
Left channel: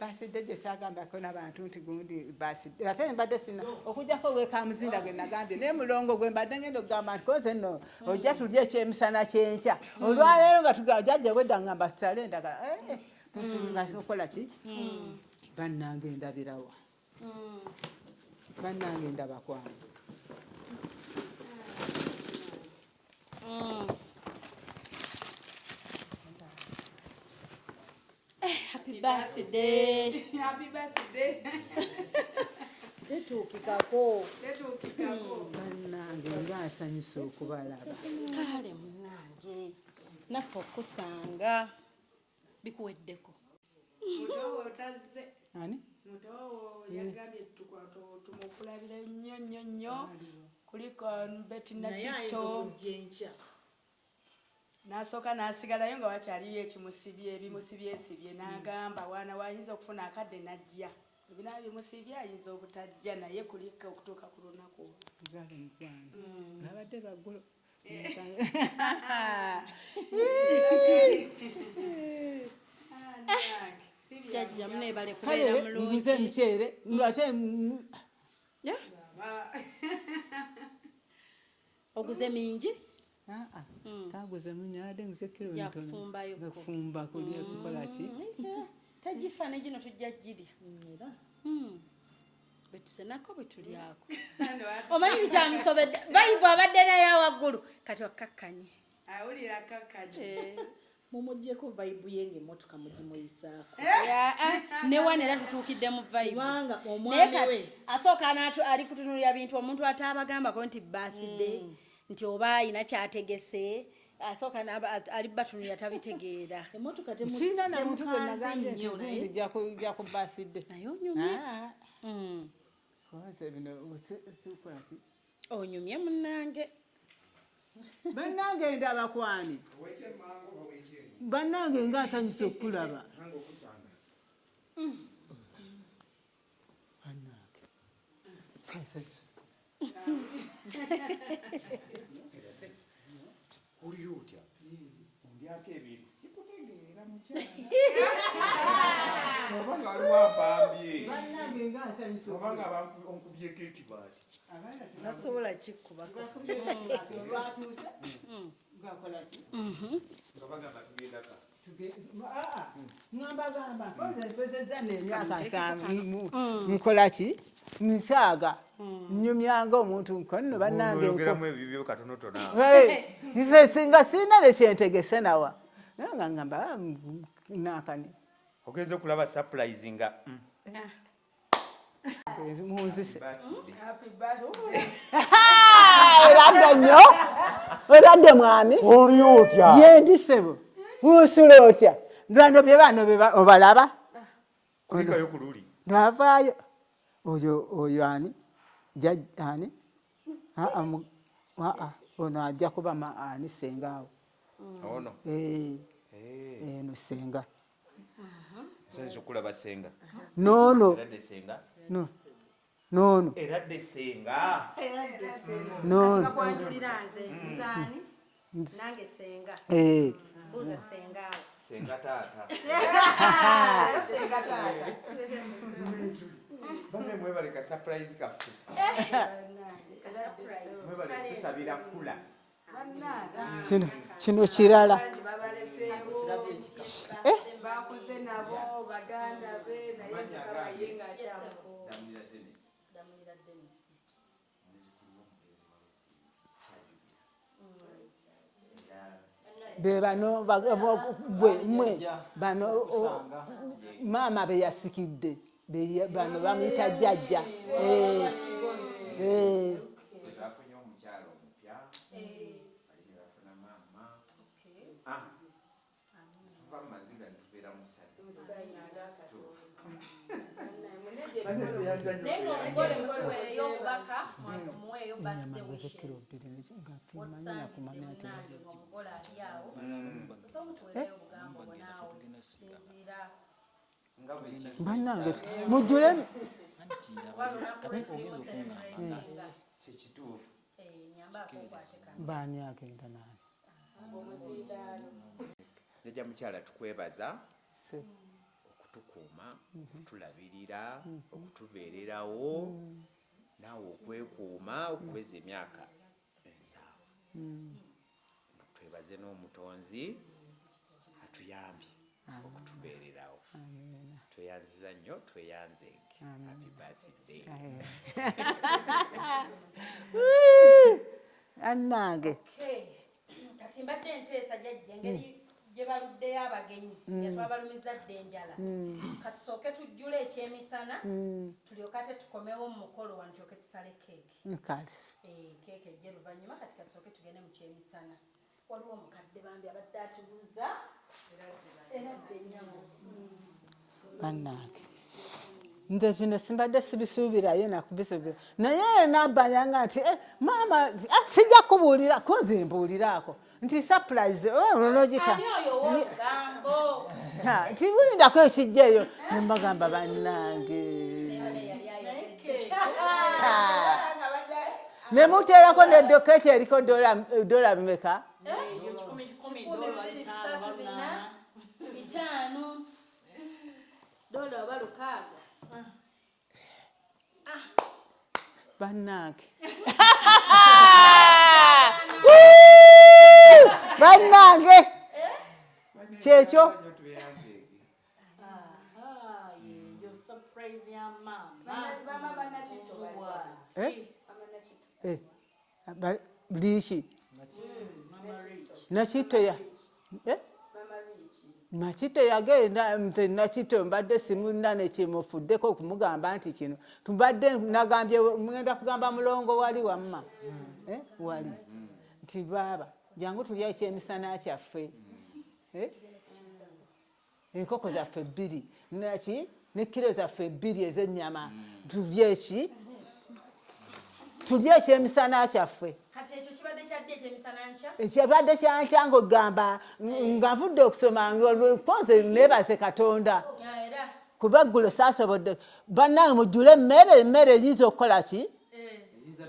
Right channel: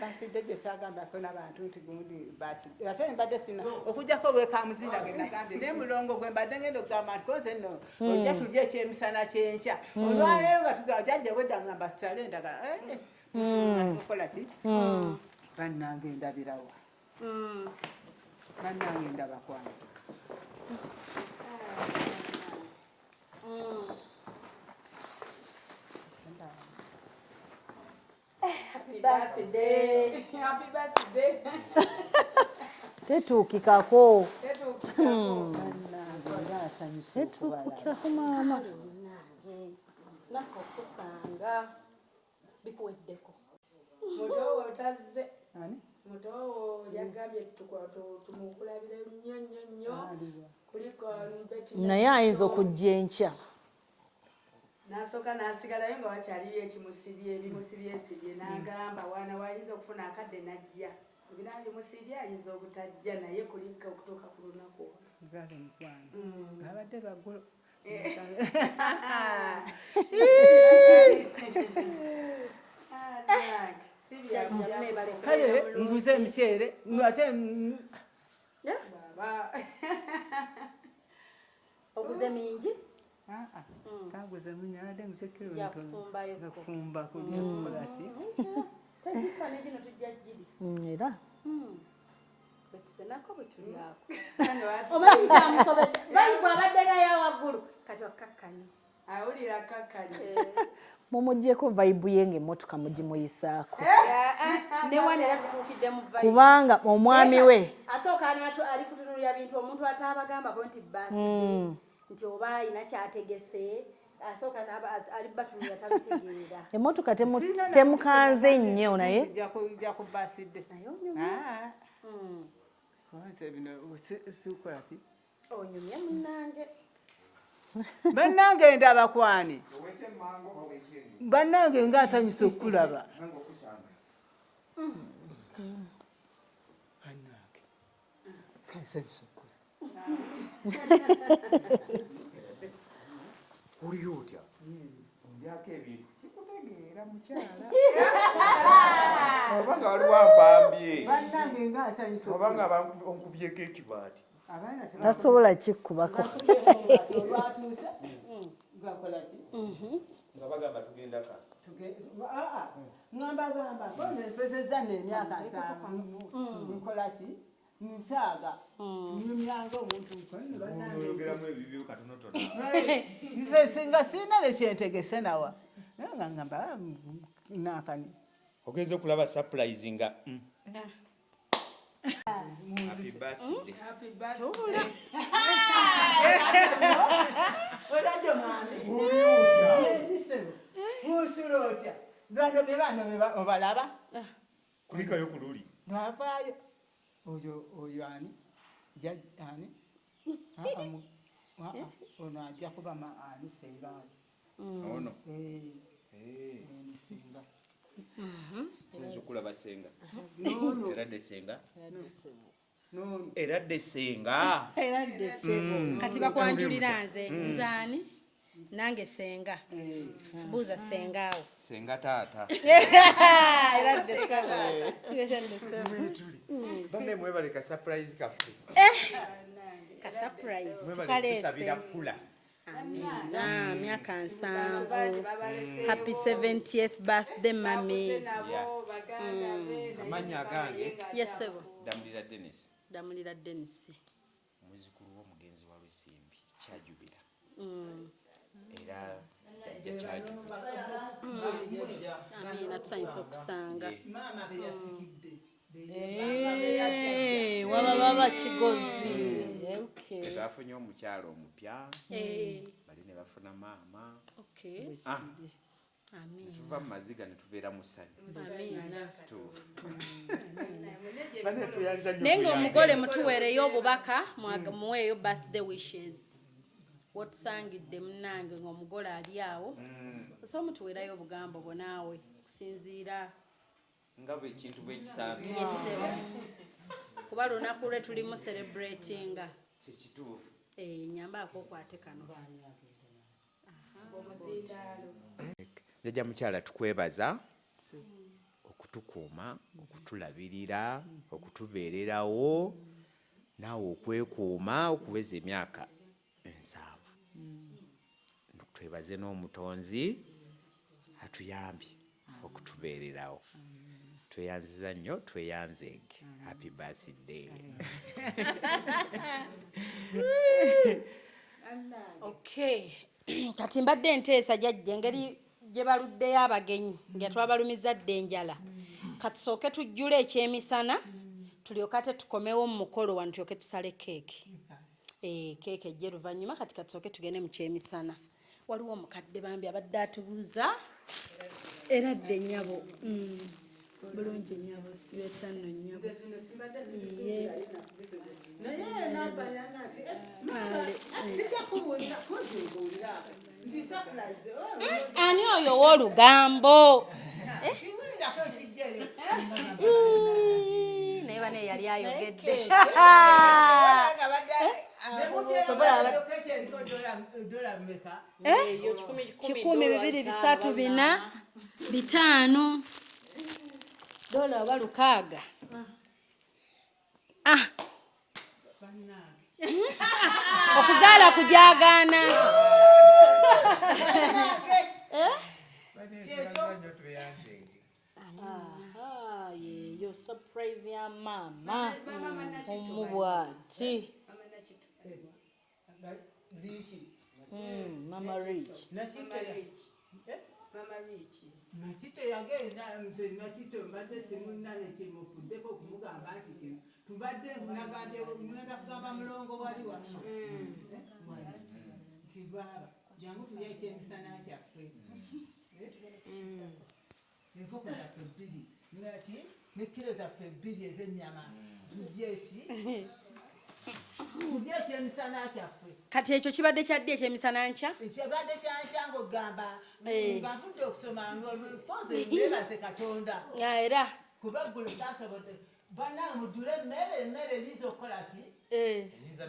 basidde gyesagambako n'abantu nti gundi basidde ate mbadde sina okujjako wekamuzinda ge nagambye naye mulongo gwe mbadde ngenda okugamba nti koze nno ojja tulya ekyemisana kyenkya olwaleero nga tugamba jjajja wedda ngamba sitale endagala nga tukola ki bannange ndabirawa bannange ndabakwange Happy birthday. Happy birthday. tetuukikako bannange ngaasanyusa okubalaba Naffe okusanga bikuweddeko. mutowo otazze ani mutowo yagambye tumukulabire nnyo nnyo nnyo kuliko beti naye ayinza okujja enkya n'asooka n'asigalayo nga wakyaliyo ebimusibye n'agamba wana wayinza okufuna akadde n'ajja ebina bimusibye ayinza obutajja naye kuliko okutuuka ku lunaku babadde baggulo kale nguze emiceere ate Oguze mingi? taguze munyalade ngusekero nfumba kulya kukola ki Tegifaananyi gino tujja girya. era Betusenako bwe tulyako. Omanyi kyamusobedde. Bayibu abadde naye waggulu kati wakkakkanye. awulira kakkanye mumugyeko vayibu ye ng'emmotoka mugimuyisaako Ne wano era tutuukidde mu vibe. kubanga omwami we Asooka ali kutunulira bintu omuntu ataabagambako nti birthday nti oba ayina kyategese asooka ali batunulira tabitegeera. emmotoka temukanze nnyo naye ijja kubaasidde Naye onyumye. wanze bino sikola ki Onyumye munnange. bannange ndabakwani bannange ngaatanyusa okukulaba Uli otya? Mbyako ebintu. Sikutegeera mukyala. Obanga waliwo ampambye. bannange ngaasanyusa Obanga onkubyeko ekibaati. tasobola kikkubako olwatuuse gakola ki Nga bagamba tugenda ka. ngambagamba mpezezza n'emyaka 7 nkola ki nsaaga nnyumyanga omuntu nkonno bannange Oyogeramu ebibyo katonotono. nze singa sirina ne kyentegese nawa naye nga ngamba nakani Ogenze okulaba surprise nga. eradde nnyo eradde mwami Oli otya? yendi sebo buusula otya ndwando bye bano obalaba Kulikayo ku luli. ndwavaayo oyo ani ani ono ajja kuba ani sengaawo Ono. eno senga Sense okulaba senga. noono Eradde senga. no nono eradde senga kati bakwanjulira nze nzaani nange senga buuza sengaawo senga taata banne mwebale ka surprise kaffe mwebale tusabira kula kino kirala happy 70th birthday mami amanya agange yesebo damulira Dennis damulira Dennis omuzukulu w'omugenzi wawe Simbi kyajubira era be bano mwe bano okusanga maama be yasikidde bano bamuyita jjajja wababa bakigozi twafunye omukyalo omupya bali ne bafuna maama tuva mu maziga ne tubeera mu ssanyu naye ng'omugole mutuweereyo obubaka muweeyo birthday wishes wotusangidde munnange ng'omugole ali awo so mutuweerayo obugambo bwo naawe kusinziira nga bwekintu bannange mujjule kuba lunaku lwe tulimu celebratinga kikituufu nyambaako okwate kano baani agenda naye jjajja mukyala tukwebaza okutukuuma okutulabirira okutubeererawo naawe okwekuuma okuweza emyaka 7 twebaze n'omutonzi atuyambye okutubeererawo tweyanziza nnyo tweyanzenge happy birthday annange kati mbadde nteesa jjajja engeri gye baluddeyo abagenyi nga twabalumiza dde enjala katusooke tujjule ekyemisana tulyoke ate tukomewo mu mukolo wano tulyoke tusale keeki keeki ejje luvannyuma kati katusooke tugende mu kyemisana waliwo omukadde bambi abadde atubuuza era dde nnyabo nze bino simbadde sibisuubirayo nakubisuubira naye nambanyanga nti maama sijja kubuulira koze mbuuliraako nti surprise ani oyo w'olugambo tibulindako ekijjaeyo nembagamba bannange naye bane yali ayogedde nemuteerako nedoketi eriko dola bimeka 1 2 3 4 5 dola oba 6 bannange okuzaala kujagaana bannange kyekyo yo surprise ya mama omubwati liiki mama rich nakitoya nakito yagenda nakito mbadde simunane kimufuddeko okumugamba nti kino tubadde nagambye mugenda kugamba mulongo wali wamma wali nti baaba jangu tulya ekyemisana kyaffe enkoko zaffe 2 naki ne kilo zaffe 2 ez'ennyama tulye eki tulye ekyemisana kyaffe kati ekyo kibadde kyaddi ekyemisana nkya ekibadde kyankya ng'ogamba nga nvudde okusoma mpoze neebase katonda era kuba eggulo saasobodde bannange mujjule emmere eyinza okukola ki eyinza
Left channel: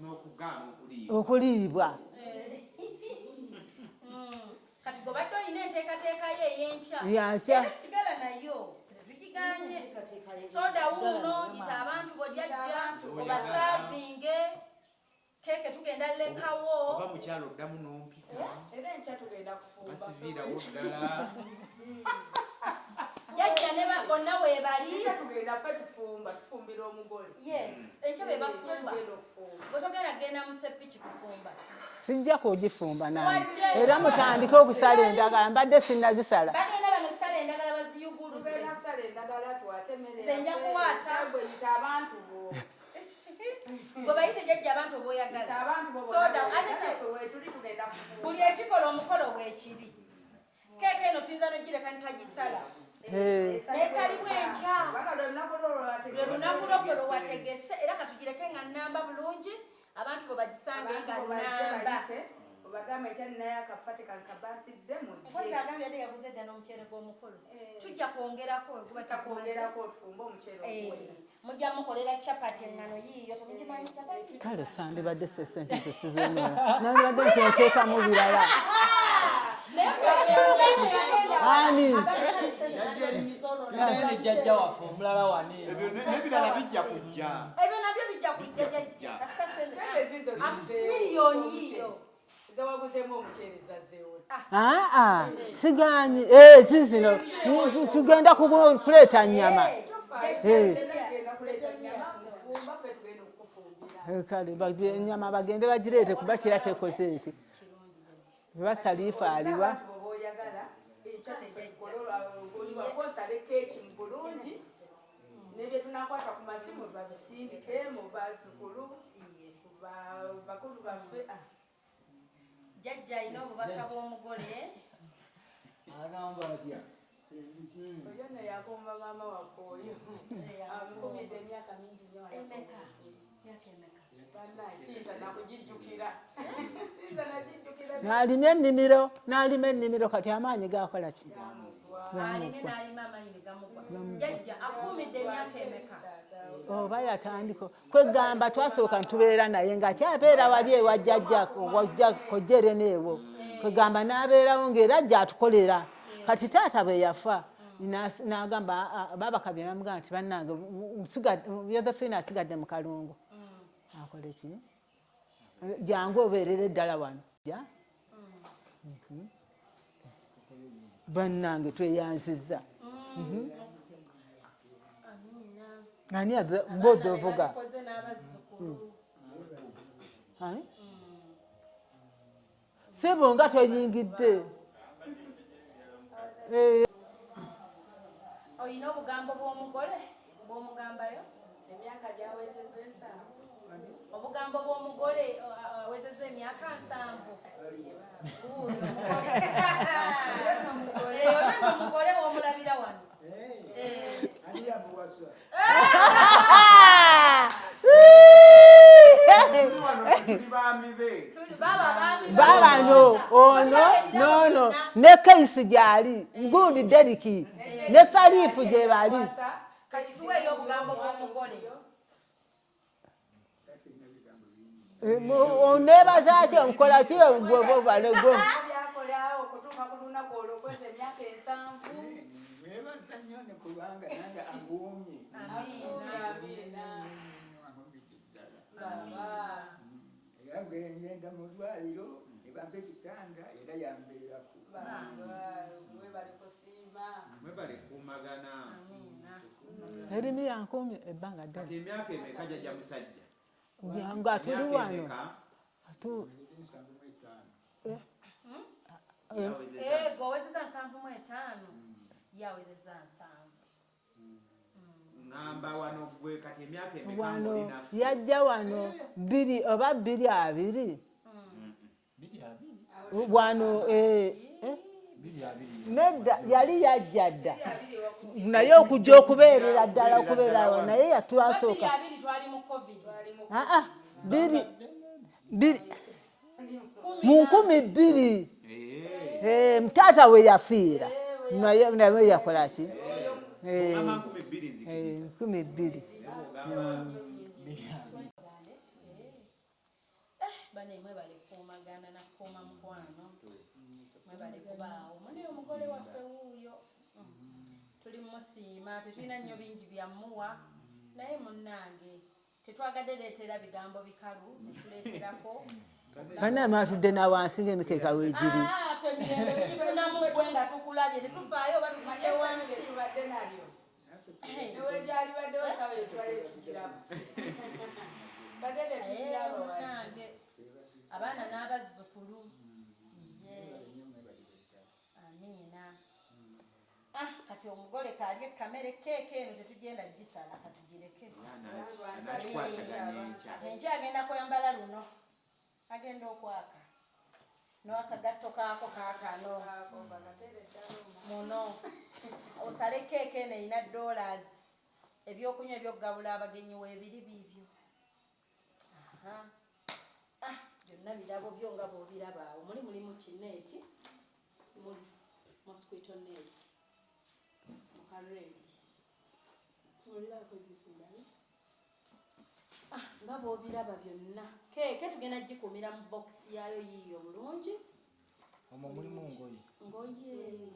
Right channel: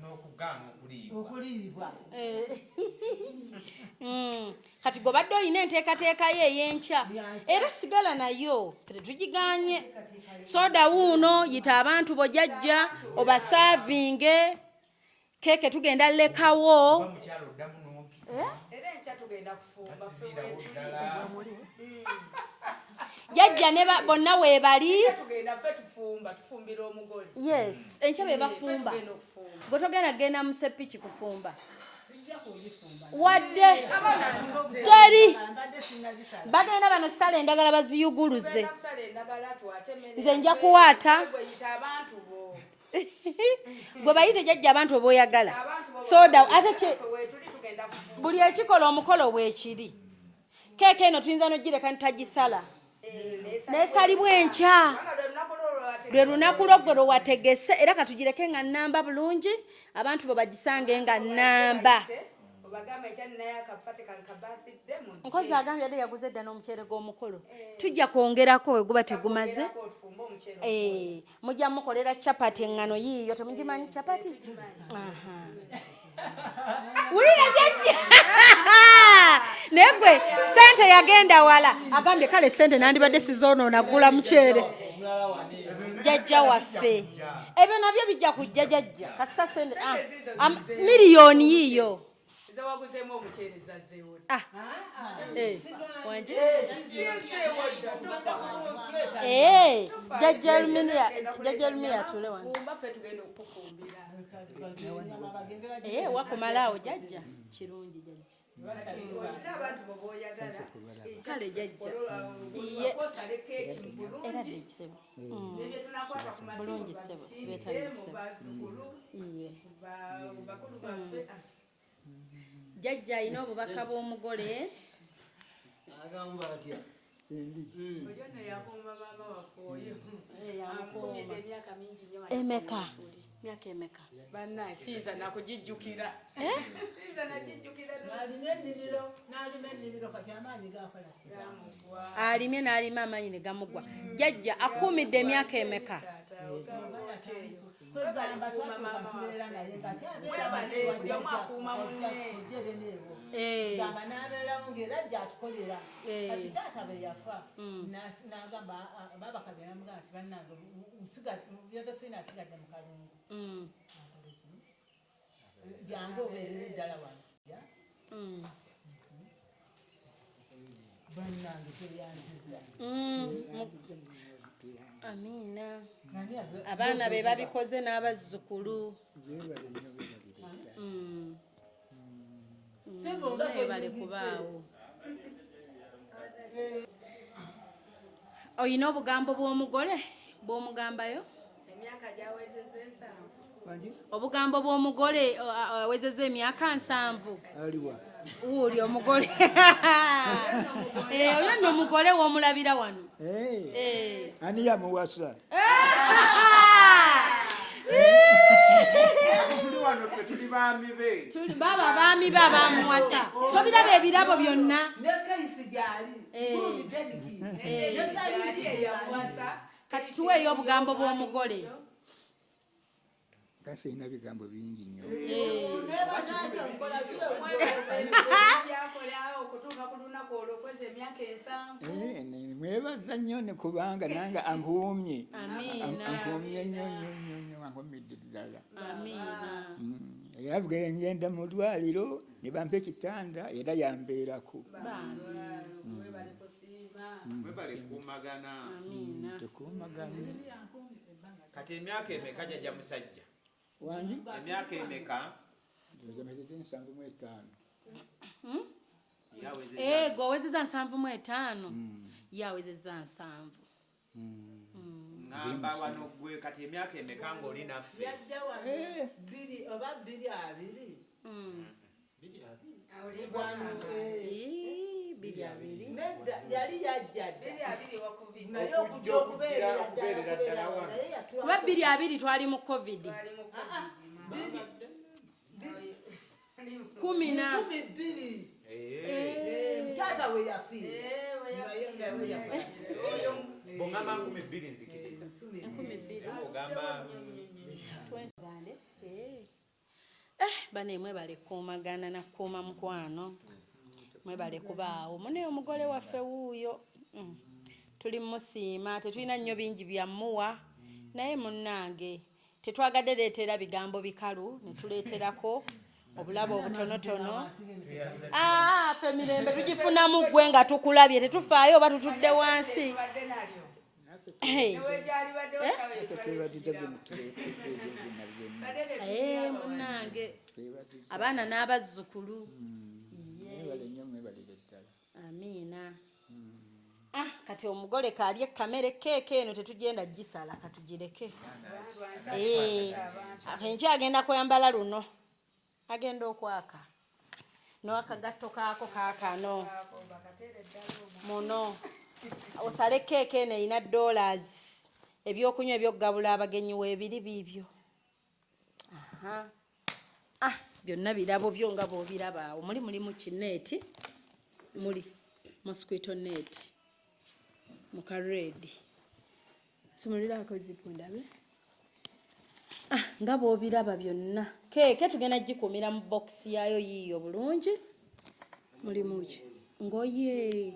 n'okugaana okuliibwa kati gobadde olina enteekateekayo ey'enkya era sigala nayo tetugiganye soda wuuno yita abantu bojajja obasaavinge keeke tugenda lekawo mukyalo oddamu n'ompita era enkya tugenda kufumba basiviirawo ddala jajja ne bonna weebali tugenda ffe tufumbira omugole yes enkya be bafumba gwe togenda kgenda mu sepiki kufumba sijja kugifumba wadde era mutandike okusala endagala mbadde sinnazisala bagenda bano sala endagala baziyuguluze nze nja kuwaata gwe bayite jajja abantu obaoyagala soda ate buli ekikola omukolo bwekiri keeke eno tuyinza nogireka ntagisala nesalibwa enkya lwe lunaku lwoggo lwe wategese era katugireke nga nnamba bulungi abantu bwe bagisange nga nnamba nkozi agambye adde yaguze edda n'omuceere gw'omukolo tujja kwongerako we guba tegumaze mujja mukolera chapati engano yiyo temugimanyi chapati kale sandibadde sente tesizonera naye gwe sente yagenda wala agambye kale sente nandibadde sizonoona gula muceere jajja waffe ebyo nabyo bijja kujja jajja kasita sente miliyoni yiyo siganyi zizino tugenda kuleeta nyama jajja lumiya tule wano kale enyama bagende bagireete kuba kiratekoze eki basalifaaliwa kale jajja jajja alina obubaka bw'omugole agamba atya emeka myaka emeka n'alima ennimiro kati amaanyi gakola ki alimye n'alima amaanyi ne gamugwa jajja akumidde emyaka emeka oba yatandika kwegamba twasooka ntubeera naye ng'akyabeera wali ewa jjajja kojjere neewo kwegamba n'abeerawo ng'era ajja atukolera kati taata bwe yafa n'agamba babakabye namugamba nti bannange yothefina asigadde mu kalungu akole ki jangu obeerera eddala wano bannange tweyanzizza amiina ani abaana be babikoze n'abazzukulu sebo nga toyingidde oyina obugambo bw'omugole bw'omugambayo obugambo bw'omugole awezezza emyaka 7 uli omugole oyo nno omugole w'omulabira wano ani yamuwasa tuli baami be baba baami bababiraba ebirabo byonna ne keisi gyali gundi deriki ne faliifu gye bali kati tuweeyo obugambo bw'omugole kasina bigambo bingi nnyo oneebaza ati nkola ki mwebaza nnyo ne kubanga nange ankuumye nnyo ankumidde ddala era bwengenda mu ddwaliro ne bampa ekitanda era yambeerako mwebale kuumagana erimi yankuumye ebbanga kati emyaka emeka jajja musajja nga emyaka emeka gowezeza 75 yawezeza 7 ngamba wano gwe kati emyaka emeka ng'oli naffe yajja wano 2 oba 2 wano nedda yali yajja dda naye okujja okubeerera ddala okubeerawo naye yatwasooka 2 twali mu covid mu 12 mutaata we yafiira naye yakola ki 12 bane mwebale kuumagana nakuuma mukwano mwebale kubaawo mune omugole waffe wuuyo tuli musiima tetulina nnyo bingi byamuwa naye munnange tetwagadde leetera bigambo bikalu netuleeterako obulamatudde nawansi ng'emikeeka weegiri ffe mirembe bigifunamu ggwe nga tukulabye tetufaayo oba tutudde wansi munnange abaana n'abazzukulu amiina kati omugole kaalye kamere keeke eno tetugenda gisala katugireke enkya agenda kwambala luno agenda okwaka n'akagatto kaako kaakano muno osale keeke eno erina $, ebyokunywa ebyokugabula abagenyi weebiri biibyo byonna birabo byo nga bw'obiraba awo mulimu kineeti muli mosquito net muka red Sumulirako zipundabe. Nga bw'obiraba byonna. Keeke tugenda gikumira mu box yayo yiyo bulungi. Mulimu ki? Ngoye.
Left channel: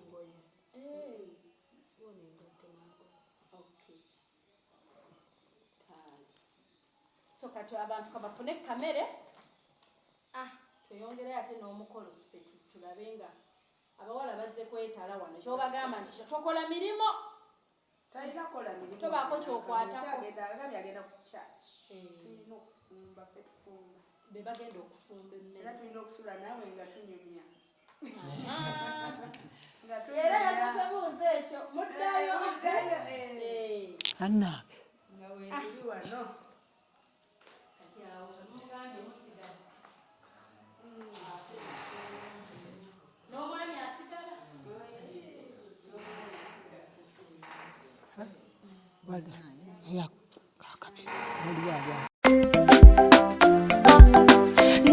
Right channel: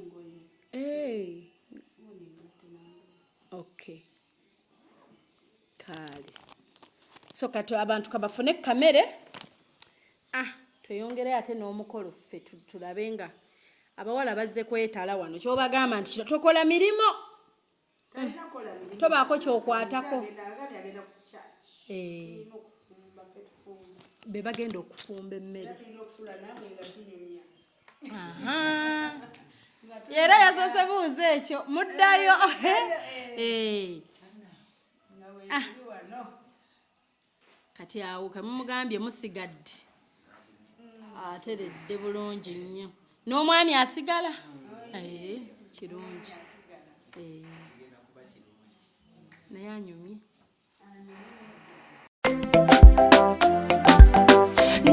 Okay. Kale. So kati abantu kabafune kamere. Tweyongere ate n'omukolo ffe tulabenga abawala bazze kwetala wano kyobagamba nti tokola mirimo. Tobaako kyokwatako. Be bagenda okufumba emmere. Era yasose buuza ekyo muddayo. Kati awo kamumugambye musigadde ateredde bulungi nnyo n'omwami asigala kirungi naye anyi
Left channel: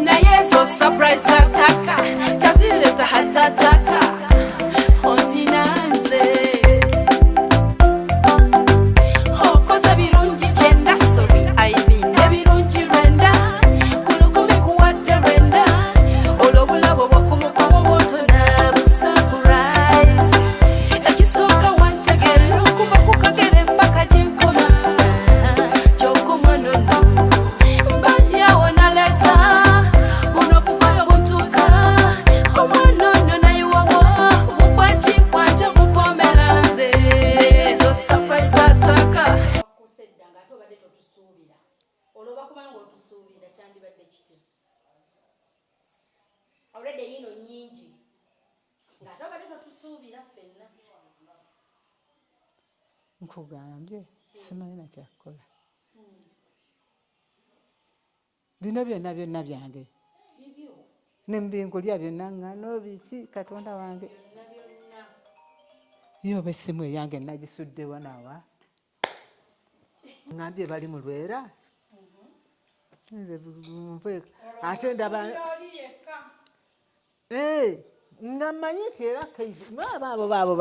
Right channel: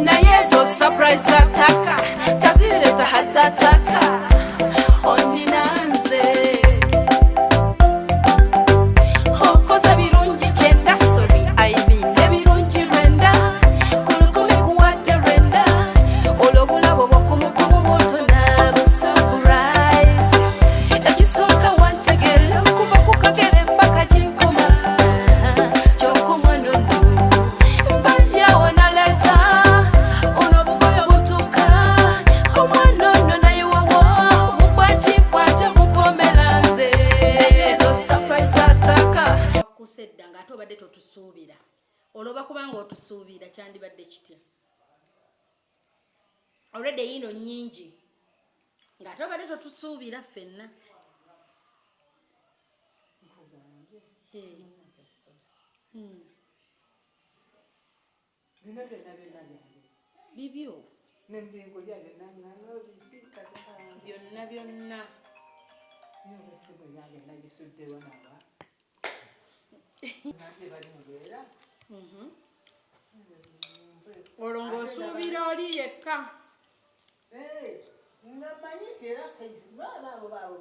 naye zo surprise ataka tazileta hatataka oninanze okoza birungi kyenda sobi aibinde birungi rwenda kulukumi kuwadde rwenda olwobulabo bwokumukomo bwotona busurprise ekisooka wantegera okuva ku kagere paka ginkoma kyokumwanono badyawo naleta olwobugolo butuka omwanono naye wawo bukwakikwate bupomeranze ezo surprise ataka kusedda ng'ate obadde totusuubira olwoba kubanga otusuubira kyandibadde kitya already yino nnyingi ng'ate obadde totusuubira ffenna nkugambye simanyi na kyakukola bino byonna byange bibyo nembinkulya byonna ŋŋano biki katonda wange byonna yoba essimu eyange nagisudde wanawa ŋŋambye bali mu lwera nze ate ndaba oli yekka nga mmanyi nti era kaisi baabo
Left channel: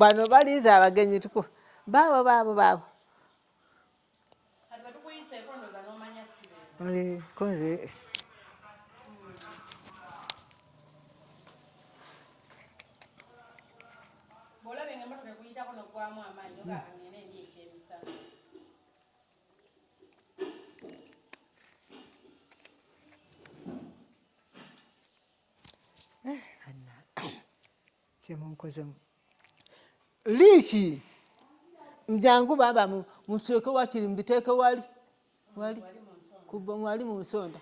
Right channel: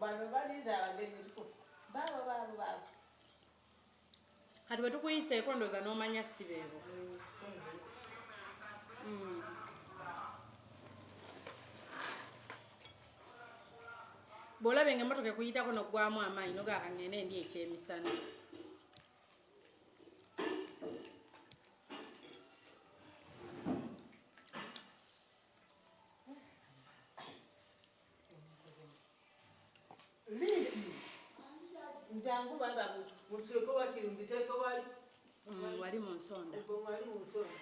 bano baliza abagenyi tuku baabo kati bwe tukuyiseeko ndooza n'omanya sibeebo konze bw'olaba ng'emmotoka ekuyitako n'oggwamu amaanyi nogaaka ngende ndi ekyemisana kyemunkozemu liiki njangu baba muteeke wakiri mbiteeke wali wali mu nsonda wali mu nsonda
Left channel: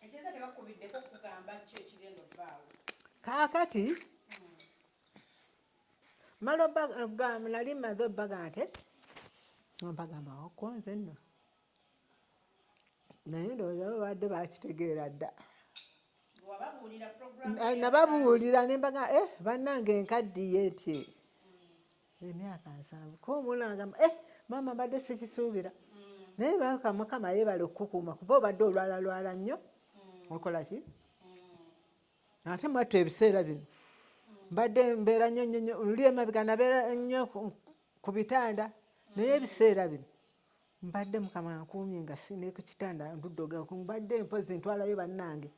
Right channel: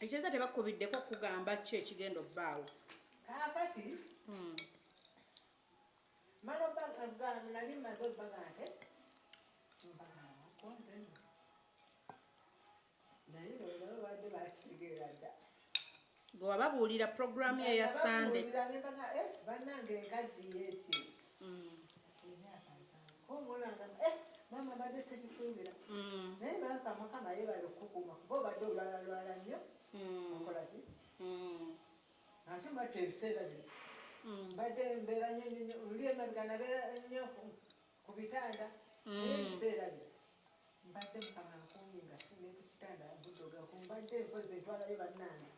ekiza tebakubiddeko kugamba ki ekigenda obbaawo kaakati mala nali maze obbaga nte ombagamba okonze nno naye ndowooza babadde bakitegeera dda gwewababuulira programu nababuulira nembaga bannange enkaddiye etye emyaka 7 ko omulangamba mama mbadde sikisuubira naye bakamukama yebale okukukuuma kuba obadde olwalalwala nnyo okola ki ate mwattu ebiseera bino mbadde mbeera nnyo luli emabega nabeera nnyo ku bitanda naye ebiseera bino mbadde mukama nkuumye nga sine ku kitanda mbuddoga mbadde mpozi ntwalayo bannange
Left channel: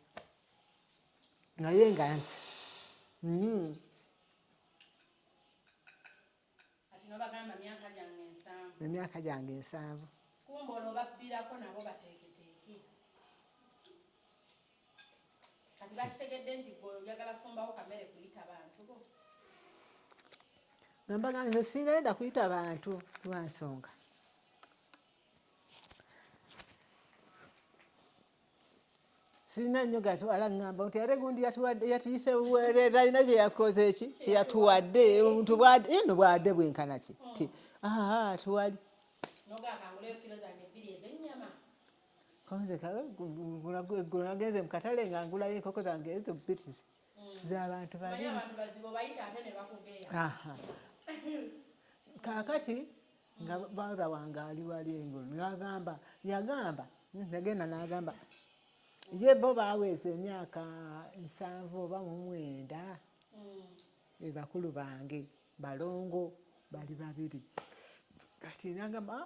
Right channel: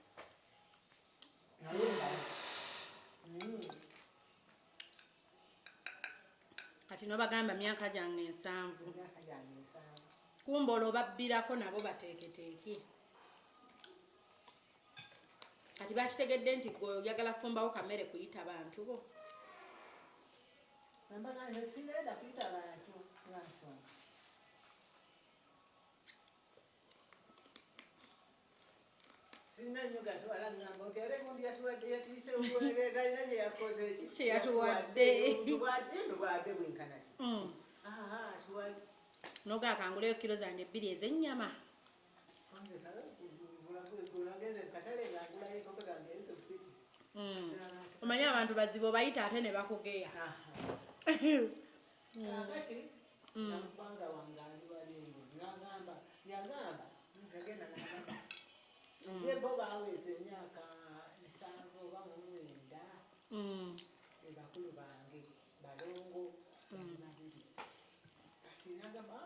naye nga nti kati nobagamba emyaka gyange 7 kumba olwobabbirako nabo bateeketeeke kati bakitegedde nti gwe oyagala fumbawo kamere kuyita bantu bo nambaga nze sinayenda kuyita bantu lwansonga sina nnyo gatwala ŋŋamba nti ate gundi yatuyise buweere talina kye yakoze eki yatuwadde omuntu eno bwadde bwenkana ki ti tuwali nogakanguleyo kilo zange 2 ez'ennyama konze ggulo nagenze mu katale nga ngulayo enkoko zange ezo bitisi z'abantu omanyi abantu bazibu bayita ate ne bakugeya kaakati baza wange ali wali engulu yagamba nagenda n'agamba ye bo baweesa emyaka 7 oba 9 bakulu bange balongo bali babiri kati nagamba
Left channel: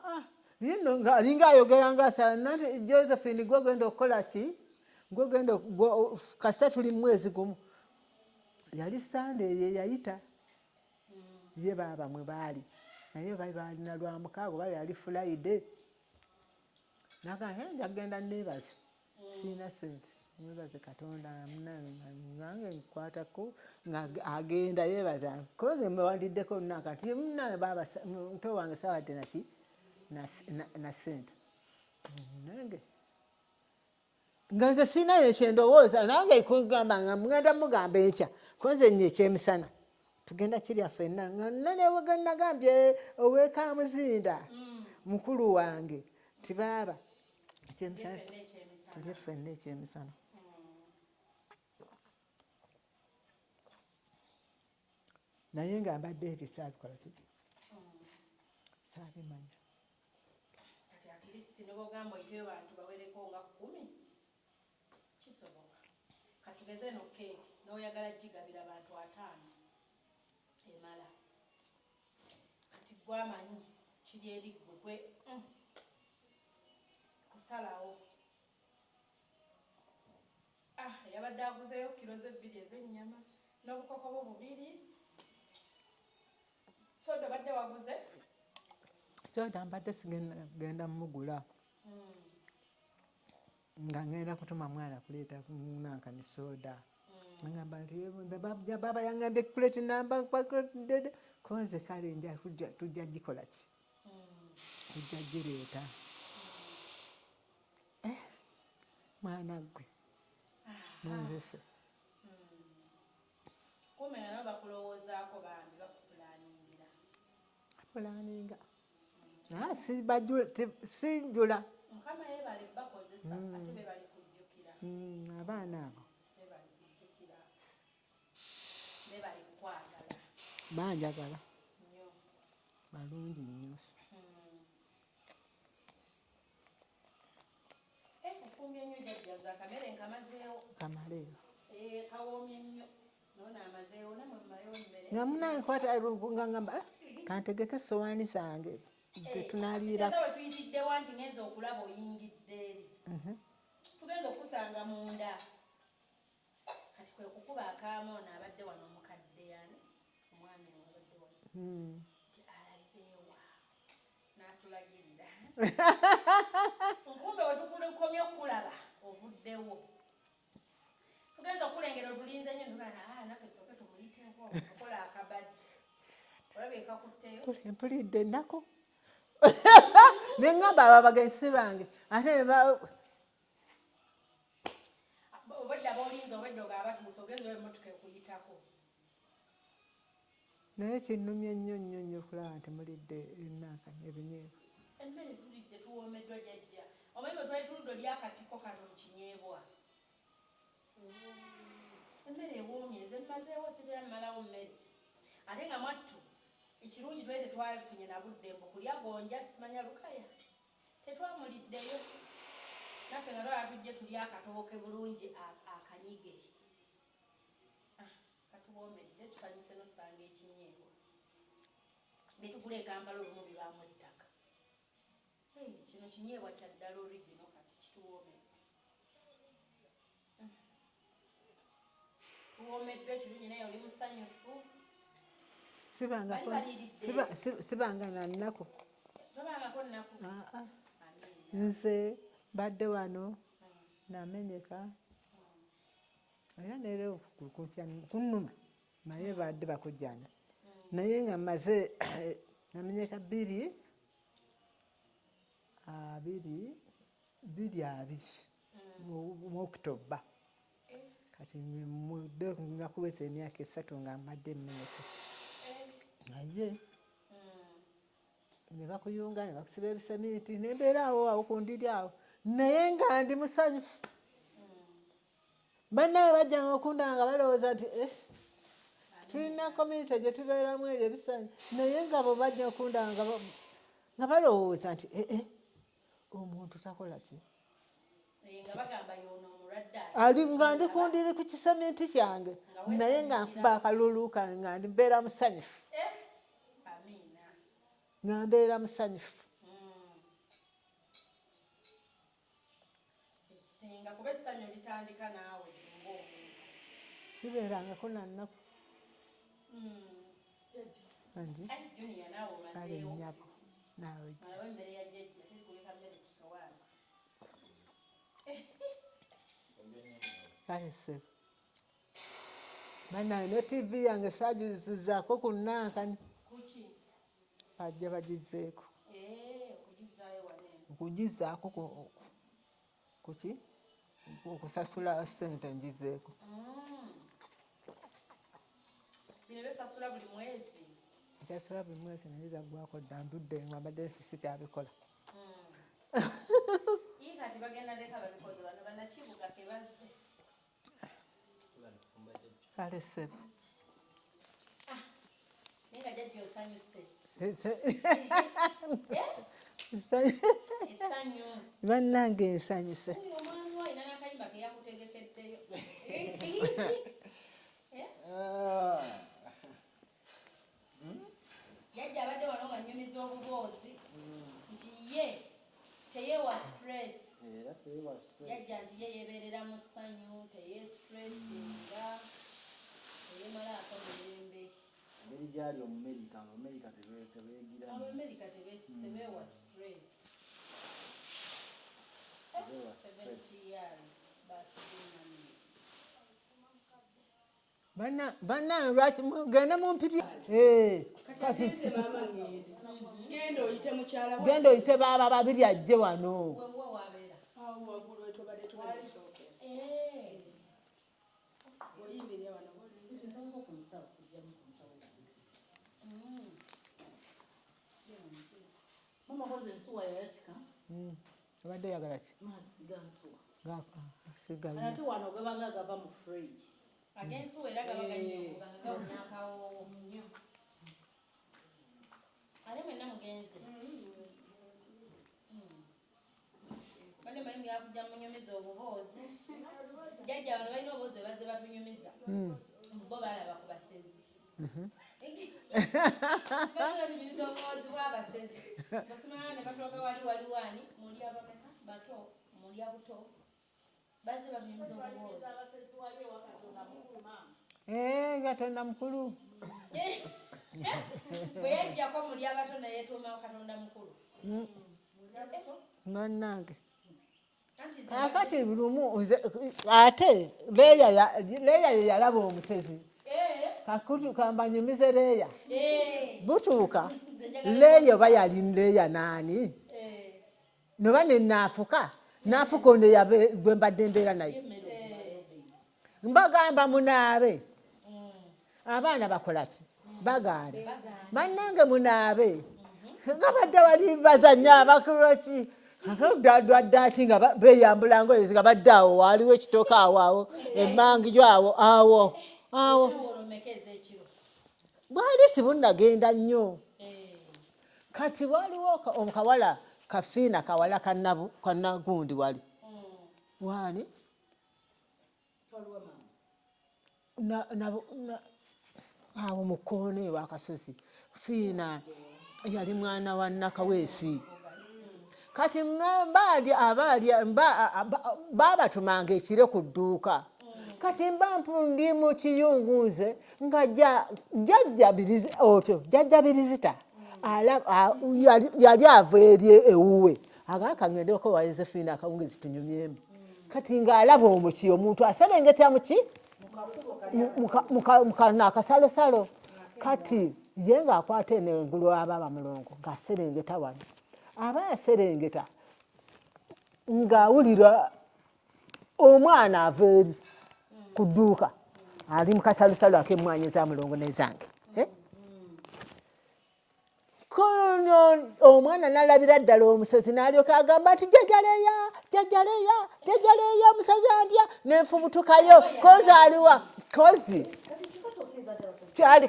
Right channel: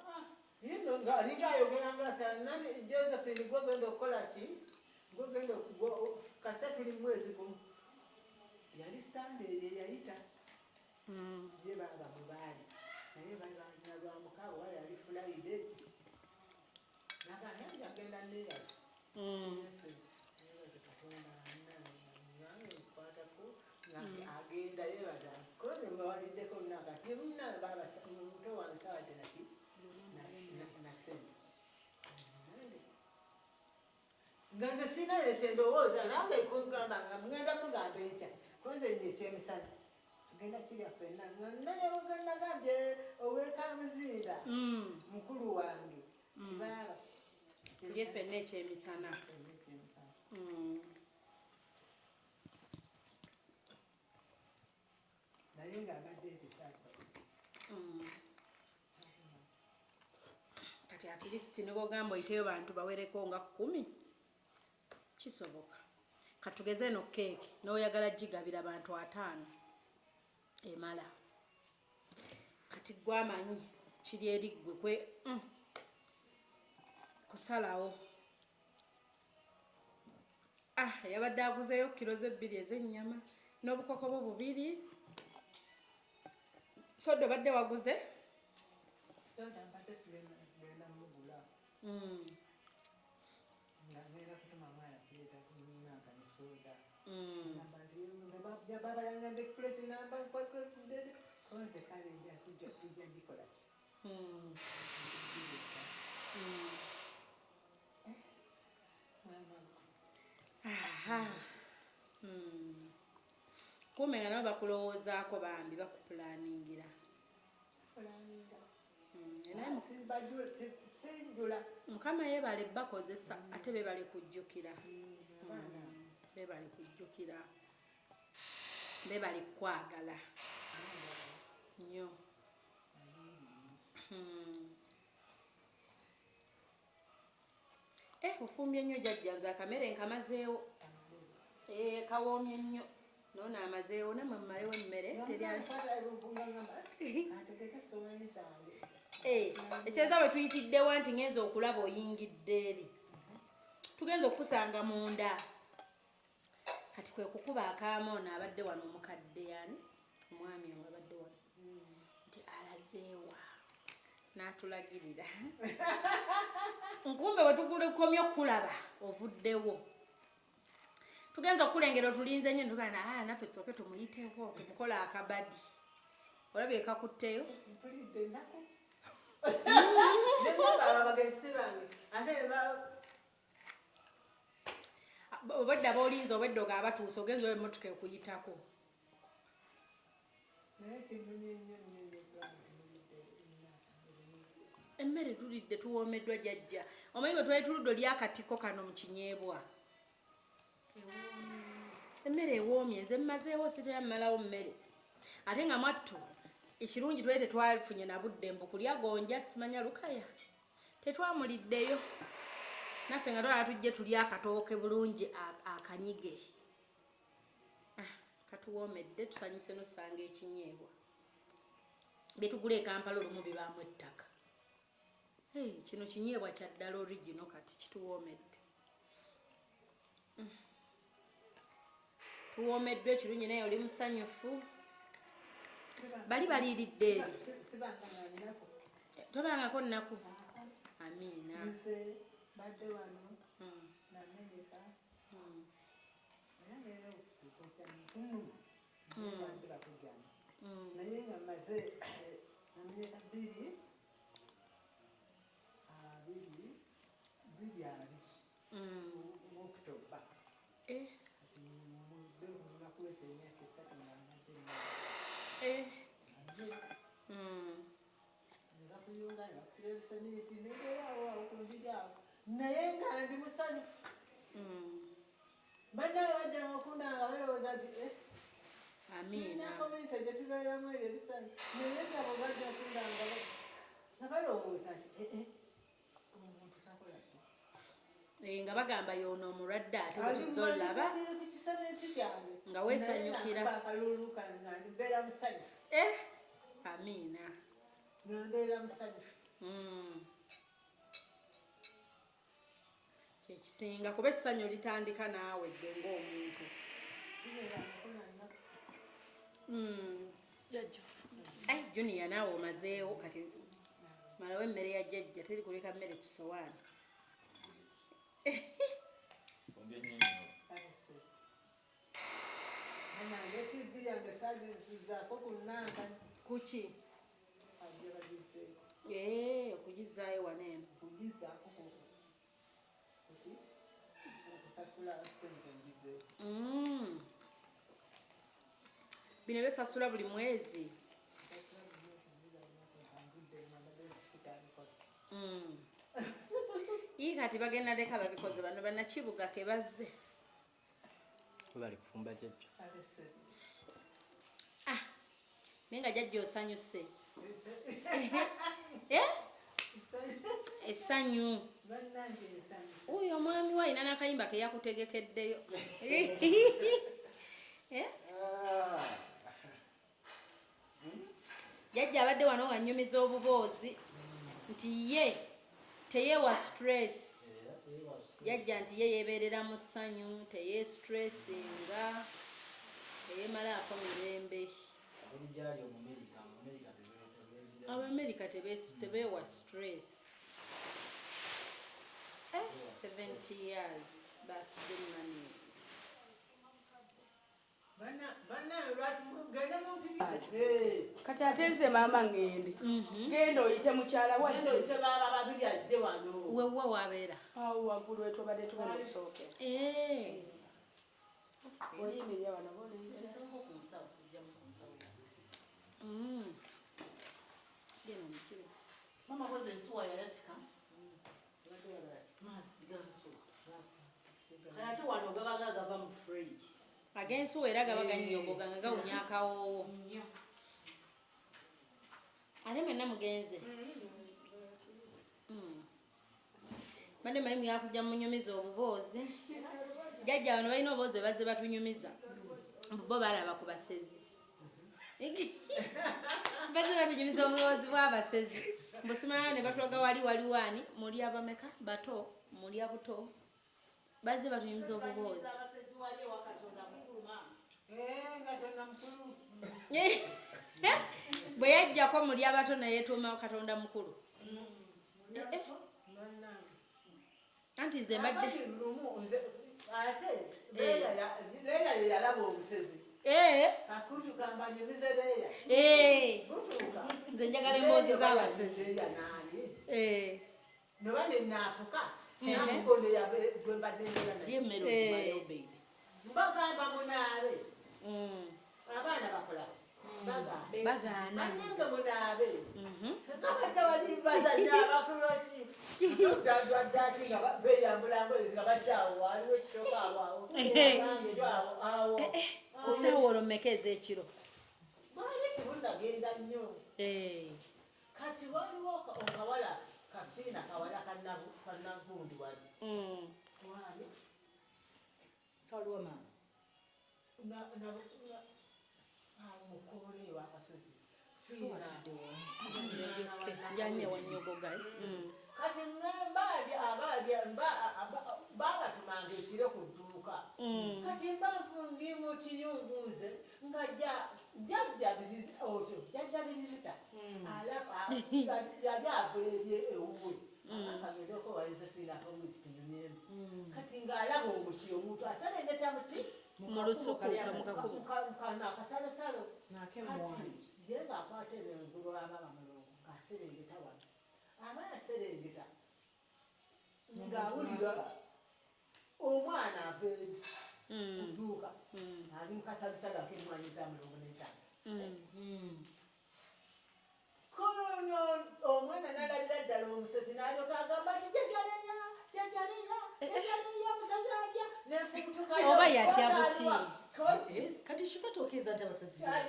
yino ng'alinga ayogera ng'asa nati Josephine gwe ogenda okukola ki gwe ogenda kasita tuli mwezi gumu yali Sunday ye yayita ye baba mwe baali naye balina lwamukaago bali yali Friday njagenda neebaze siina sente neebaze Katonda nange nkwatako agenda yeebaza koze mwewandiddeko nakati munawe baba muto wange sawadde naki na sente nange nga nze siinayo ekyendowooza nange kugamba nga mugenda mugamba ekya konze nnyo ekyemisana tugenda kirya ffenna nanewe nagambye ow'ekamuzinda mukulu wange tibaaba ffenna ekyemisana naye nga mbadde eri saalikola saalimanya kati at least nobogamba oyiteyo bantu bawereko nga 10 kisoboka katugeze no keeki n'oyagala gigabira abantu 5 emala kati gwamanyi kiri eri ggwe kwe kusalawo yabadde aguzeyo kilo ze 2 ez'ennyama n'obukoko bwo 2 sodo badde waguze soda mbadde sigenda mugula nga ngenda kutuma mwana kuleeta nanka ne soda ngamba nti baba yangambye plate namba konze kale nja tujja gikola ki tujja gireeta mwana gwe nzise kumenya nabo bakulowoozaako bambi bakupulaningira sinjula mukama yebale bakozesa ate bebale kujjukira abaana abo bebale kujjukira bebale kwagala banjagala nnyo balungi nnyo ofumbye nnyo jjajjanze akamere nkamazeewo kamaleewo kawoomye nnyo nona amazeewo namwe mmalewo emmere namunankwata ngamba kantegeke sowaani zange kyeza bwe tuyitiddewo nti ngenza okulaba oyingidde eri tugenza okukusanga munda kati kwe kukuba akaamoono abadde wano omukadde yani omwami oyo abadde wano nti alazeewa n'atulagirira nkumbe bwe tukukomye okulaba ovuddewo tugenza okulengera otulinze nnyo ntugana naffe tusooke tumuyiteko okukola akabadi olabye kakutteyo mpulidde ennaku neŋŋamba abo abagenzi bange ate obwedda b'olinze obwedda abatuuse ogenza oyo emmotoka ekuyitako naye kinnumye nnyo nnyo nnyo okulaba nti mulidde ennaaka ebinyeebwa emmere tulidde tuwoomeddwa jjajja omanyi bwe twali tuludde lyakatiko kano mu kinyeebwa emmere ewoomye nze mmazeewo sitera mmalawo mmere ate nga mwattu ekirungi twali tetwafunye na budde mbu kulya gonja simanya lukaya tetwamuliddeyo naffe nga twala tujje tulya akatooke bulungi akanyige katuwoomedde tusanyuse nosanga ekinyeebwa betugula ekampala olumu bibaamu ettaka kino kinyeebwa kya ddala origino kati kituwoomedde tuwoomeddwe ekirungi naye oli musanyufu bali baliiridde sibanga nga nnaku tobangako nnaku amiina nze badde wano namenyeka era neero kunuma naye badde bakujjana naye nga maze namenyeka 2 mu October kati mudde nga kuweza emyaka 3 nga mbadde nneese naye ne bakuyunga ne bakusiba ebisementi nembeera awo kundiri awo naye nga ndi musanyufu bannawe bajjanga okundanga balowooza nti tulina community gye tubeeramu eryo ebisanyu naye nga bo bajja okundanga nga balowooza nti omuntu takola ki nga bagamba yono omulwadde ali nga ndikundire ku kisamenti kyange naye nga nkuba akalulu kange nga mbeera musanyufu amiina nga mbeera musanyufu kyekisinga kuba essanyu litandika naawe dde ng'omuntu sibeerangako nannaku junior naawe omazeewo kati malawo emmere ya jjajja teri kuleka mmere ku sowaani kayese banaye ne tv yange sagizizaako ku nankani kuki bajja bagizeeko okugizaayo waneeno okugizaako kuki okusasula ssente ngizeeko bino besasula buli mwezi ntasula buli mwezi naye zaggwako dda ndudde nga mbadde sikyabikola ii kati bagenda leka babikoze bano bannakibuga ke bazze alesebe naye nga jjajja osanyuse essanyu bannange ensanyuse oyo omwami we alina n'akayimba ke yakutegekeddeyo jjajja abadde wano nga nnyumiza obuboozi nti ye teyeewa stress jjajja nti ye yeebeerera mu ssanyu teyestressinga teyemalaako mirembe abamerika tebeewa stress 70 years back Germany bannange lwaki mugende mumpitya kati ate nze maama ngende genda oyite mukyala wa genda oyite baaba babiri ajje wano wewa wabeera awo waggulu wetobadde tumusooke oyimirira wano mama hoze ensuwa yayatika abadde oyagala ki mazzi gansuwa sigala ate wano gabanga gava mu fridge ag'ensuwa era gaba gannyogoga nga gawunya akawoowo ate mwenna mugenze badde mayimu yakujja munyumiza obuboozi jjajja wano balina obuboozi bazze batunyumiza bo balaba ku basezi bazze batunyumiza obuboozi bw'abasezi busumala ne batulaga waliwani muli abameka bato muli abuto bazze batunyumiza obuboozi katonda mukulu bwe yajjako muli abato nayetuumawo katonda mukulu bannange anti nze akati lumu ate leeya ye yalaba omusezi kakutu kambanyumize leeya butuuka leeya oba yali leeya naani noba nenaafuka naafuka ono gwe mbadde mbeera naye mbagamba munaabe abaana bakolaki bagaane bannange munaabe nga badde wali bazanya abakuloki dwaddaki nga beyambula ngoyezi nga badde awo waliwo ekitooka awo emmangijo awo bwali sibunnagenda nnyo kati waliwo onkawala kafiina kawala kanagundi wali wani awo mukoone wakasozi fiina yali mwana wa Nakaweesi kati babatumanga ekire ku dduuka kati mbampundi mu kiyunguuze nga jjajja birizita yali ava eri ewuwe agakangedeko wa Yosephine akawungezi tunyumyemu kati ng'alaba omuki omuntu aserengeta muki mukana akasalosalo kati ye ng'akwata eno engulu ababa mulongo ng'aserengeta wano aba yaserengeta ng'awulira omwana ava eri ku dduuka ali mu kasalosalo ak'emmwanyi ezamulongo n'ezange kono omwana nalabira ddala omusezi n'alyoka agamba nti jjajjaleeya omusezi andya nenfubutukayo kozi aliwa kozi kyali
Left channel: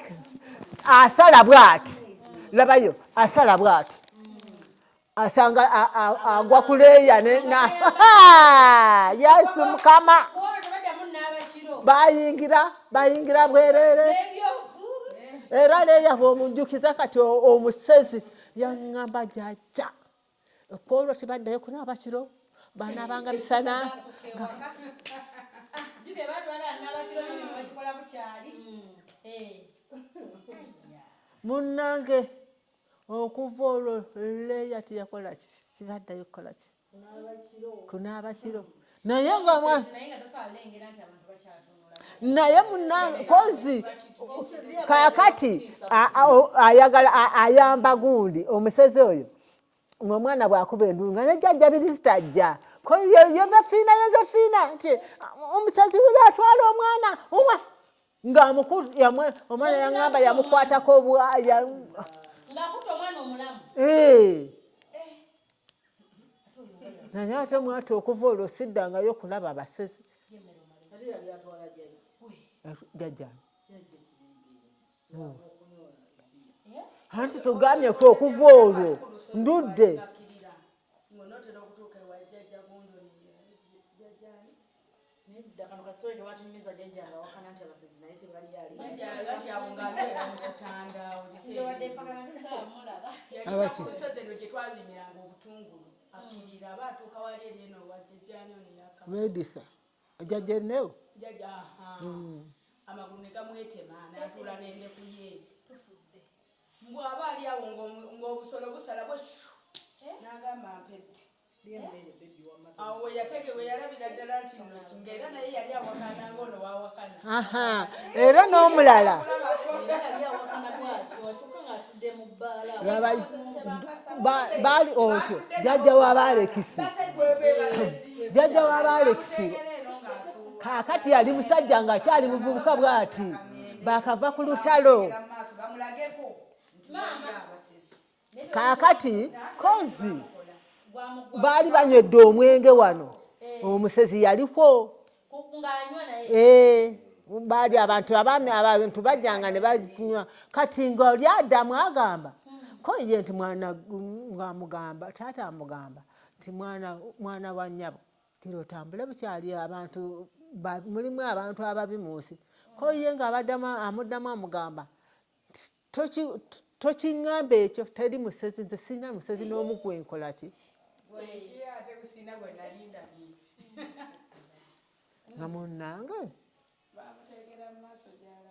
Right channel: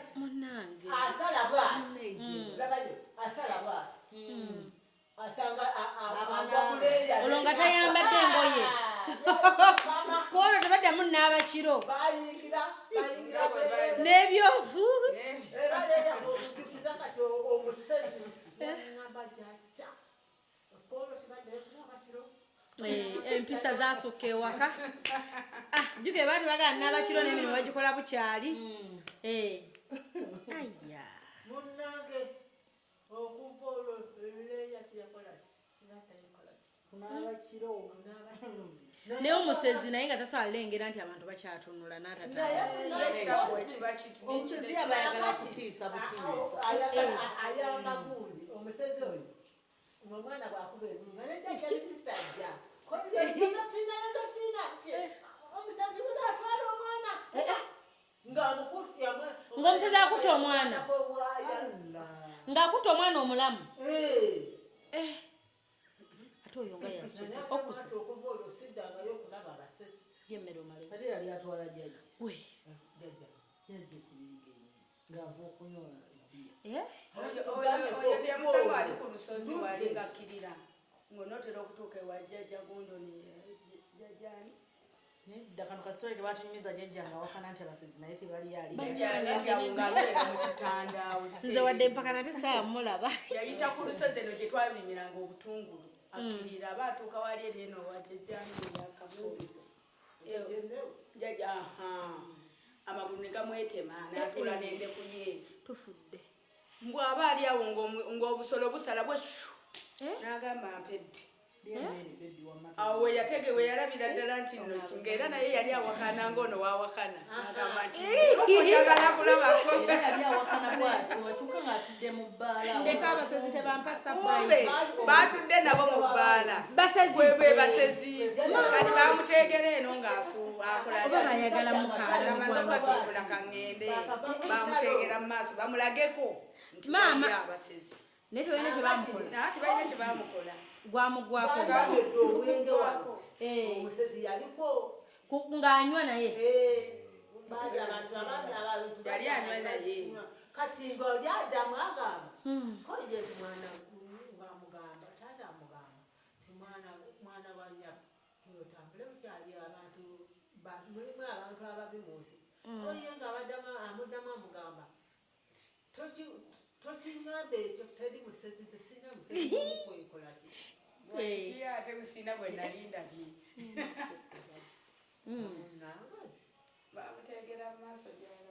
asala bw'ati labayo asala bw'ati asanga agwa kuleya yesu mukama bayingira bwerere era leya bw'omunjukiza kati omusezi yaŋŋamba jajja Polo tibaddeyo kunaaba kiro banaabanga misana juge bali bagala naaba kiro n'emirimu bagikola bukyali munnange okuva olwo leya tiyakola kibaddeyo kukola ki kunaaba kiro naye nga tasobola lengera nti abantu bakyatunula naye munnange kozi kaakati ayagala ayamba gundi omusezi oyo ng'omwana bw'akuba endulu nga nejjajja lirisita ajja ko Yozefiina nti omusezi wuli atwala omwana uwa omwana yaŋŋamba yamukwatako ng'akuta omwana omulamu naye ate mwati okuva olwo siddangayo okulaba abasezi jjajja anti tugambyeku okuva olwo ndudde nze wadde mpaka nate saamulaba medisa jjajja ennewo amagulu ne gamwetema n'atuula n'endeku ye tufudde mbw'aba ali awo ng'obusolo busala bweshu n'agamba mpedde awo we yalabira ddala nti nno ng'era naye yali awakana ng'ono waawakana era n'omulala baali oto jjajja w'abaalekisi jjajja w'abaalekisi kaakati yali musajja ng'akyali muvubuka bw'ati bakava ku lutalo kaakati kozi baali banywedde omwenge wano omusezi yaliko ng'anywa naye baali abantu bajjanga ne banywa kati ng'oli addamu agamba ko ye nti mwana ng'amugamba taata amugamba nti mwana wa nnyabo kiro otambule bukyali abantu mulimu abantu ababi mu nsi ko ye ng'amuddamu amugamba tokiŋŋamba ekyo teri musezi nze sirina musezi n'omu gwenkola ki nga munnange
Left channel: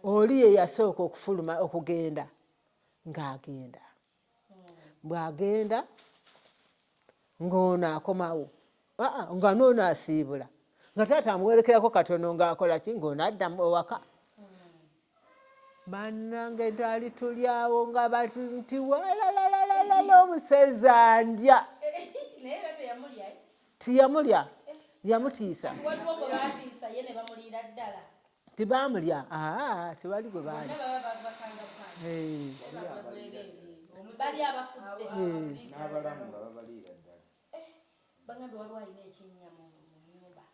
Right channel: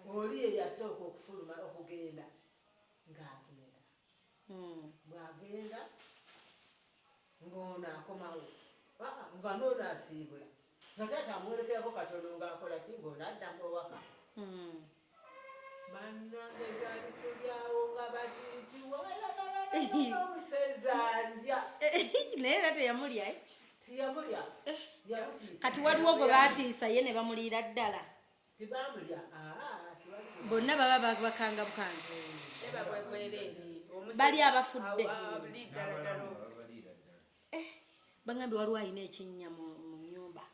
oli ye yasooka okufuluma okugenda ng'agenda bw'agenda ng'ono akomawo nga n'ono asiibula nga taata amuwerekerako katono ng'akola ki ng'ono addamu ewaka bannange ntaali tulyawo nga nti walalalala omusezi andya naye era teyamulya tiyamulya yamutiisa kati waliwo gwe baatiisa ye ne bamuliira ddala tibamulya tewali gwe bonna baba bakanga bukanzi bali abafudde bagambye waliwo alina ekinnya mu nnyumba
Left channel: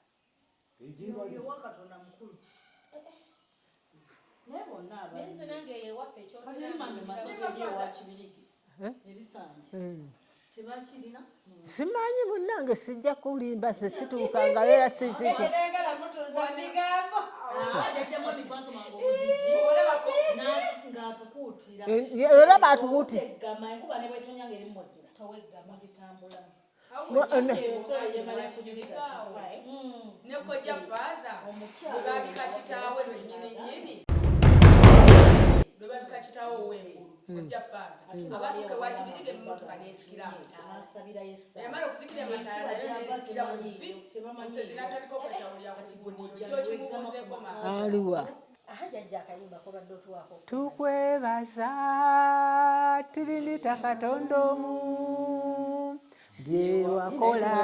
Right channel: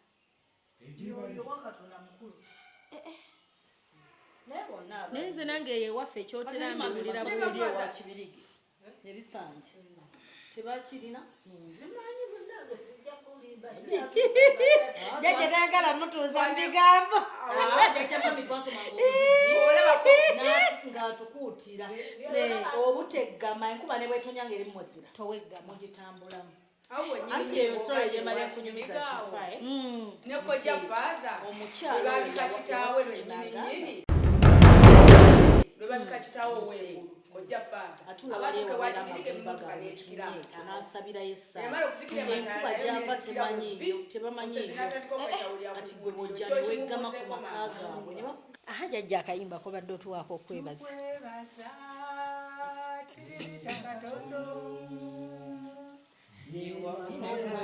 naye nze nange ewaffe ekyotera mbiwulira buliri simanyi munnange sijja kulimba situukanga yayagala mutuuza migambo era batukuutira jjajja akayimba kobadde otuwaako tukwebaza tirinita katonda omu byewakola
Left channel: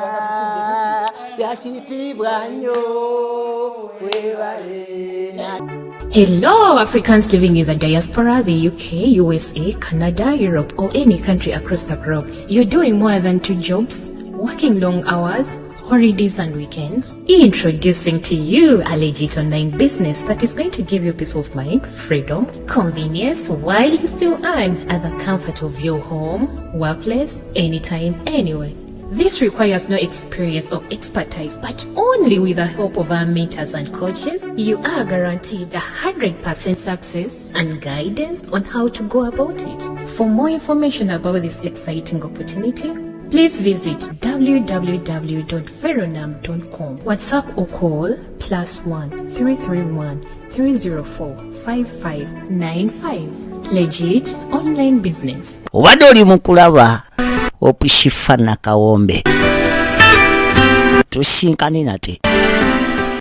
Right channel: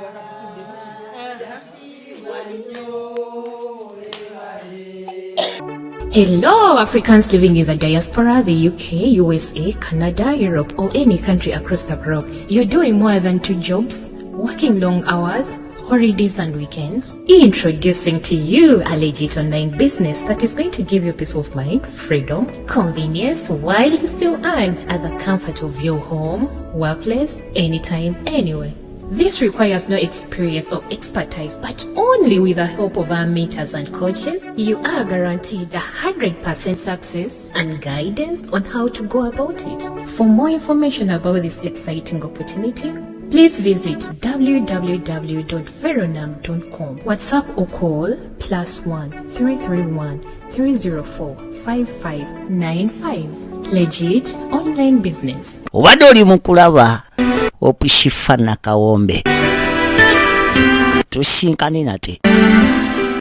byakitiibwa nnyo webale. Hello, Africans living in the diaspora, the UK, USA, Canada, Europe, or any country across the globe. You're doing more than 2 jobs, working long hours, holidays and weekends. Introducing to you a legit online business that is going to give you peace of mind, freedom, convenience, while you still earn at the comfort of your home, workplace, anytime, anywhere. This requires no experience or expertise, but only with the help of our mentors and coaches, you are guaranteed 100% success and guidance on how to go about it. For more information about this exciting opportunity, please visit www.veronam.com. WhatsApp or call +1 331 304 5595. Legit online business. Obadde oli mu kulaba Shifah na Kawombe tusinkane nate.